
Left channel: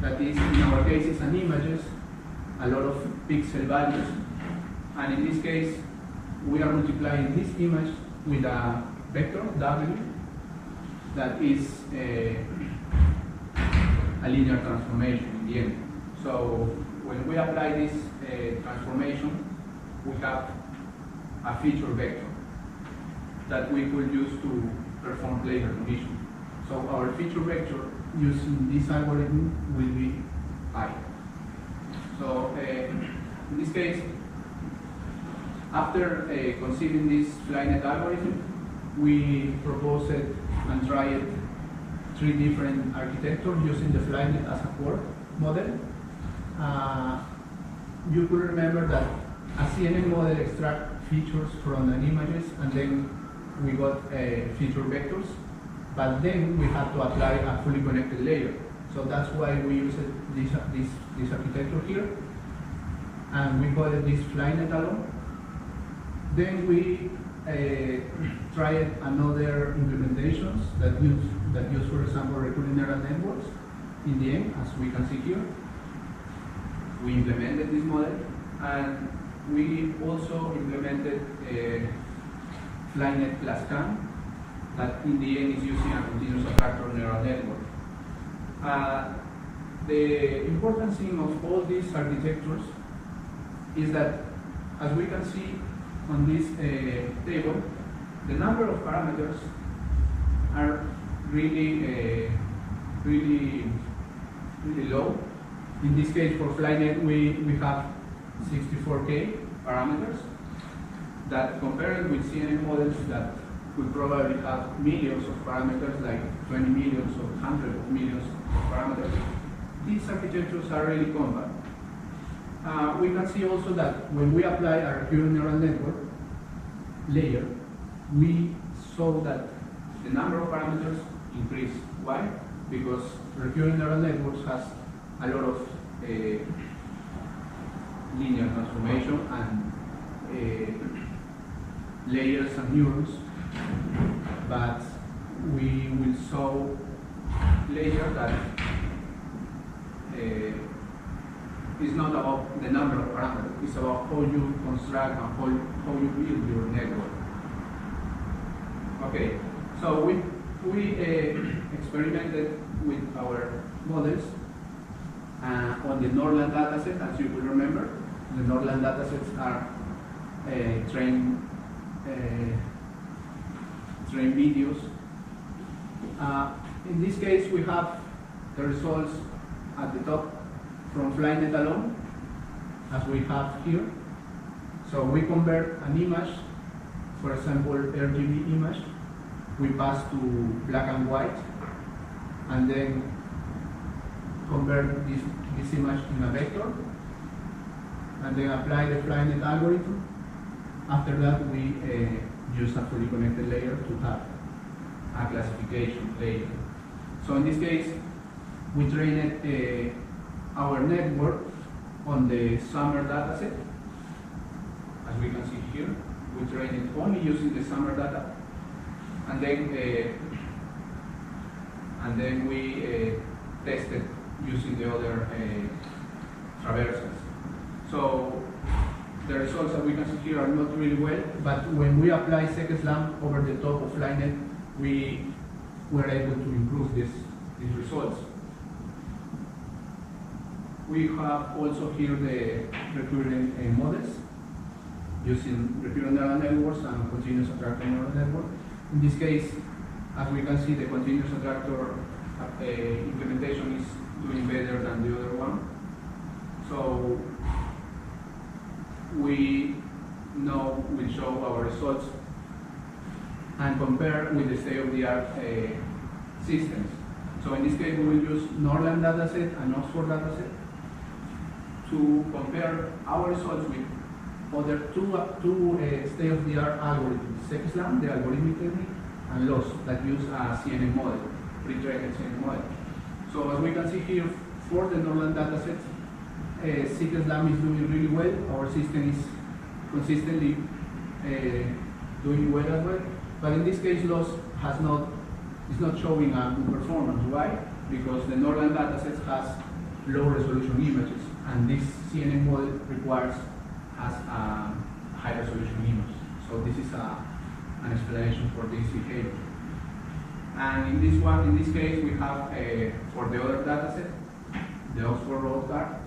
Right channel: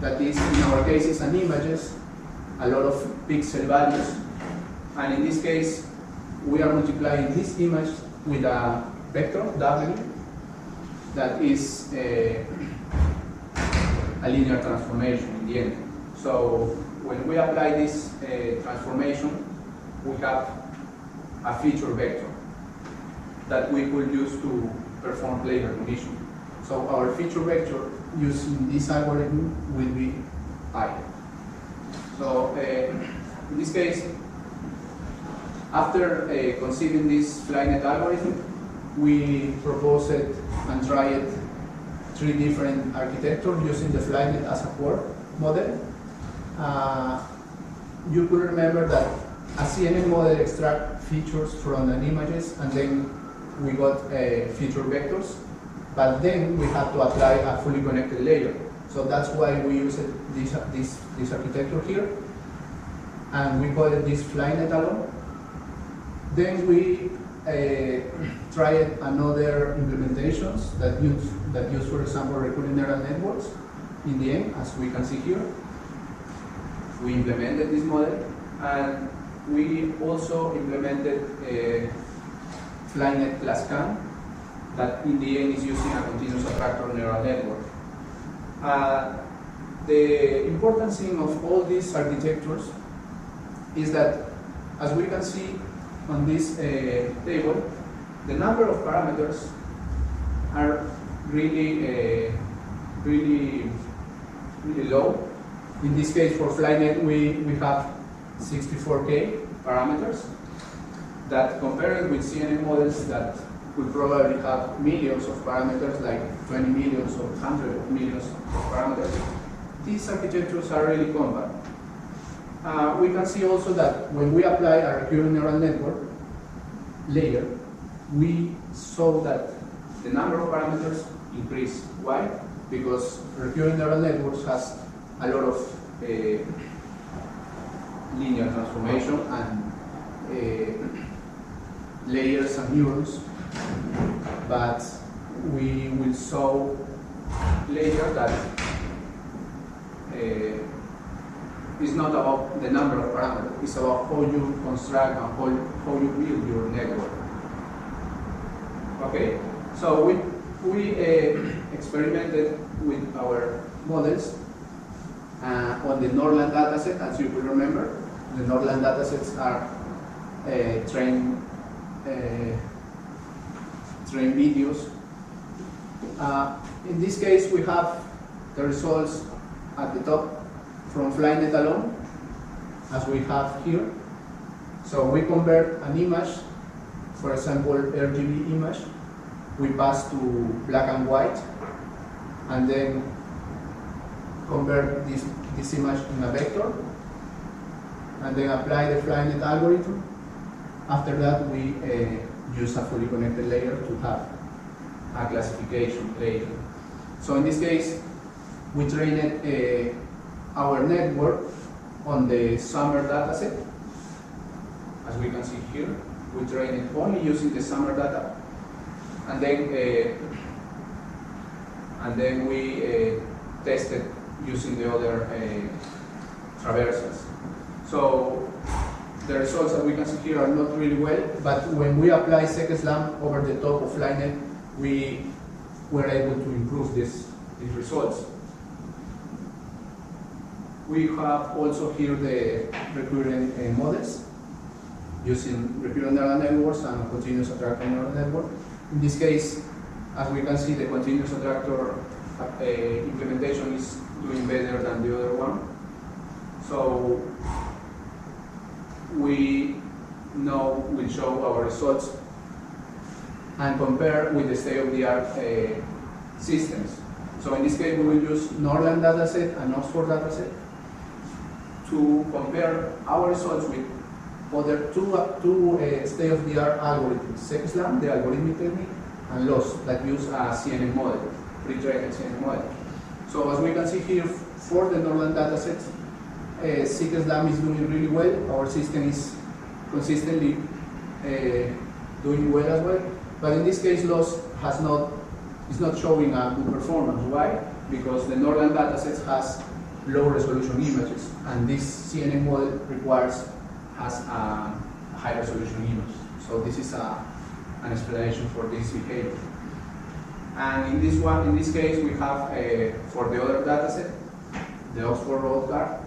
that is, in our case, is an images, a lot of pixel values, and in this case, we are multiplying this image with a vector, W, that is a linear transformation in the end. So when we apply this transformation, we have a feature vector that we could use to perform plane recognition. So our feature vector using this algorithm will be I. So in this case, after conceiving this FlyNet algorithm, we proposed and tried three different architectures using the FlyNet as a core model. You could remember that a CNN model extracts features from an images, and then we got feature vectors, but then we have to apply a fully connected layer. So that's why we use this architecture here, and we call it this FlyNet alone. Then we tried another implementations that use, for example, recurrent neural networks. In the end, as we can see here, we implemented this model, and we also implemented FlyNet plus CAN, that in the end is using a continuous attractor neural network. the important thing of all these architectures is that, as we can see on this table, the number of parameters are really low. In this case, for Flynet, we have 64K parameters that, compared with CNN models that could probably have millions of parameters, like 20 millions or hundreds of millions of parameters, these architectures are really compact. We can see also that when we apply a recurrent neural network layer, we saw that the number of parameters increase. Why? Because recurrent neural networks has a lot of linear transformation and layers and neurons, but we will show later that it's not about the number of parameters, it's about how you construct and how you build your network. Okay, so we experimented with our models on the Norland dataset. As you will remember, the Norland datasets are trained videos. In this case, we have the results at the top from Flynet alone, as we have here. So we convert an image, for example, RGB image, we pass to black and white, and then convert this image in a vector, and then apply the Flynet algorithm. After that, we use a fully connected layer to have a classification layer. So in this case, we trained our network on the summer dataset. As we can see here, we trained it only using the summer data, and then we tested using the other traversals. So the results that we can see here are not really well, but when we apply SecSlam over the top of Flynet, we were able to improve these results. We have also here the recurrent models using recurrent neural networks and continuous attractor neural network. In this case, as we can see, the continuous attractor implementation is doing better than the other one. So we now will show our results and compare with the state-of-the-art systems. So in this case, we will use Norland dataset and Oxford dataset to compare our results with other two state-of-the-art algorithms, SecSlam, the algorithmic technique, and LOS, that use a CNN model, pre-trained CNN model. So as we can see here, for the Norland datasets, SecSlam is doing really well. Our system is consistently doing well as well. But in this case, LOS is not showing a good performance. Why? Because the Norland datasets has low resolution images, and this CNN model has a high resolution image. So this is an explanation for this behavior. And in this case, we have for the other dataset, the Oxford road car.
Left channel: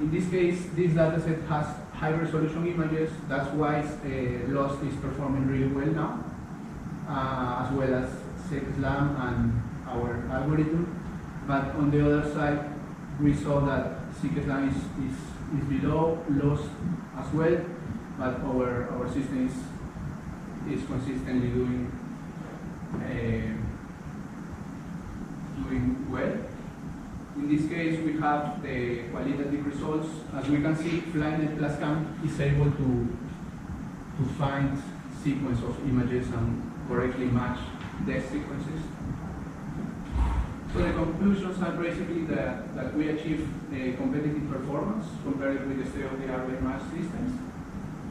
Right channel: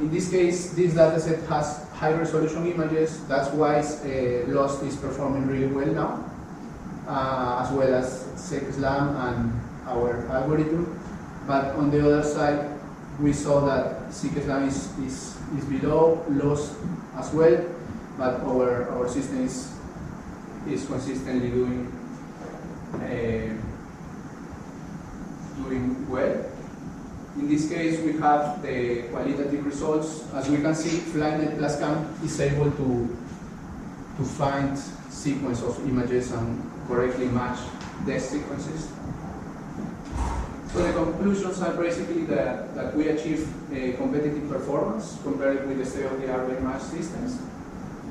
In this case, this dataset has high resolution images. That's why LOS is performing really well now, as well as SecSlam and our algorithm. But on the other side, we saw that SecSlam is below LOS as well, but our system is consistently doing well. In this case, we have the qualitative results. As we can see, Flynet plus count is able to find sequence of images and correctly match desk sequences. So the conclusions are basically that we achieve a competitive performance compared with the state-of-the-art very match systems.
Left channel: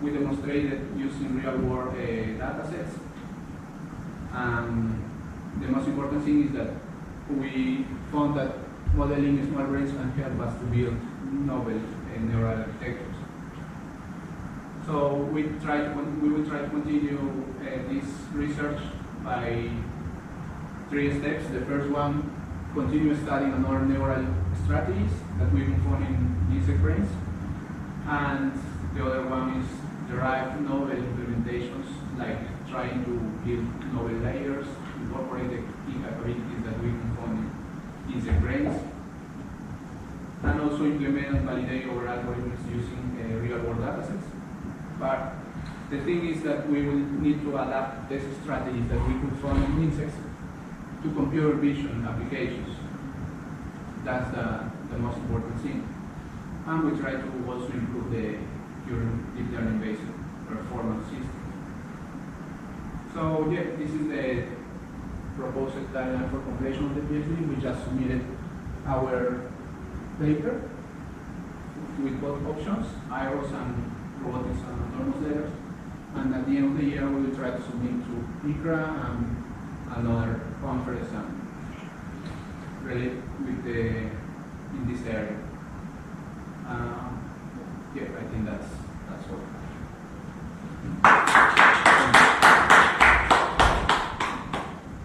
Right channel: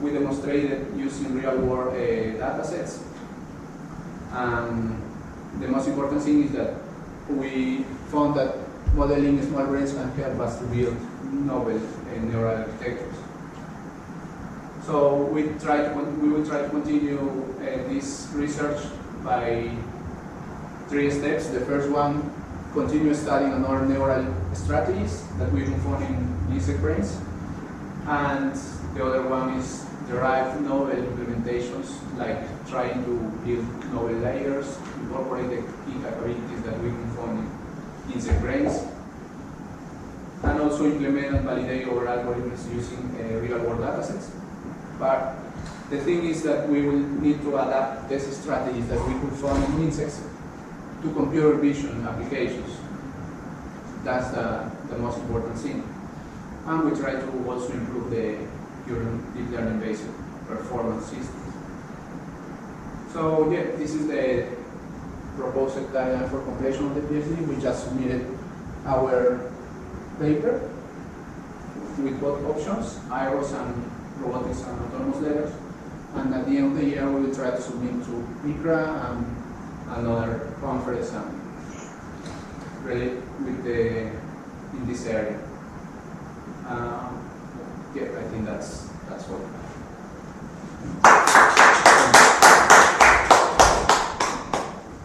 We demonstrated using real-world data sets. And the most important thing is that we found that modeling small brains can help us to build novel neural architectures. So we will try to continue this research by 3 steps. The first one continue studying another neural strategies that we can find in insect brains. And the other one is derive novel implementations, like trying to build novel layers, incorporate the key capabilities that we can find in insect brains, and also implement and validate our algorithms using real-world datasets. But the thing is that we will need to adapt these strategies that we could find in insects to computer vision applications. That's the most important thing. And we try to also improve the current deep learning-based performance system. So yeah, this is the proposed timeline for completion of the PhD. We just submitted our paper with both options, IROS and robotics and autonomous layers. And at the end of the year, we will try to submit to ICRA and another conference and relate with in this area. Yeah, I think that's all.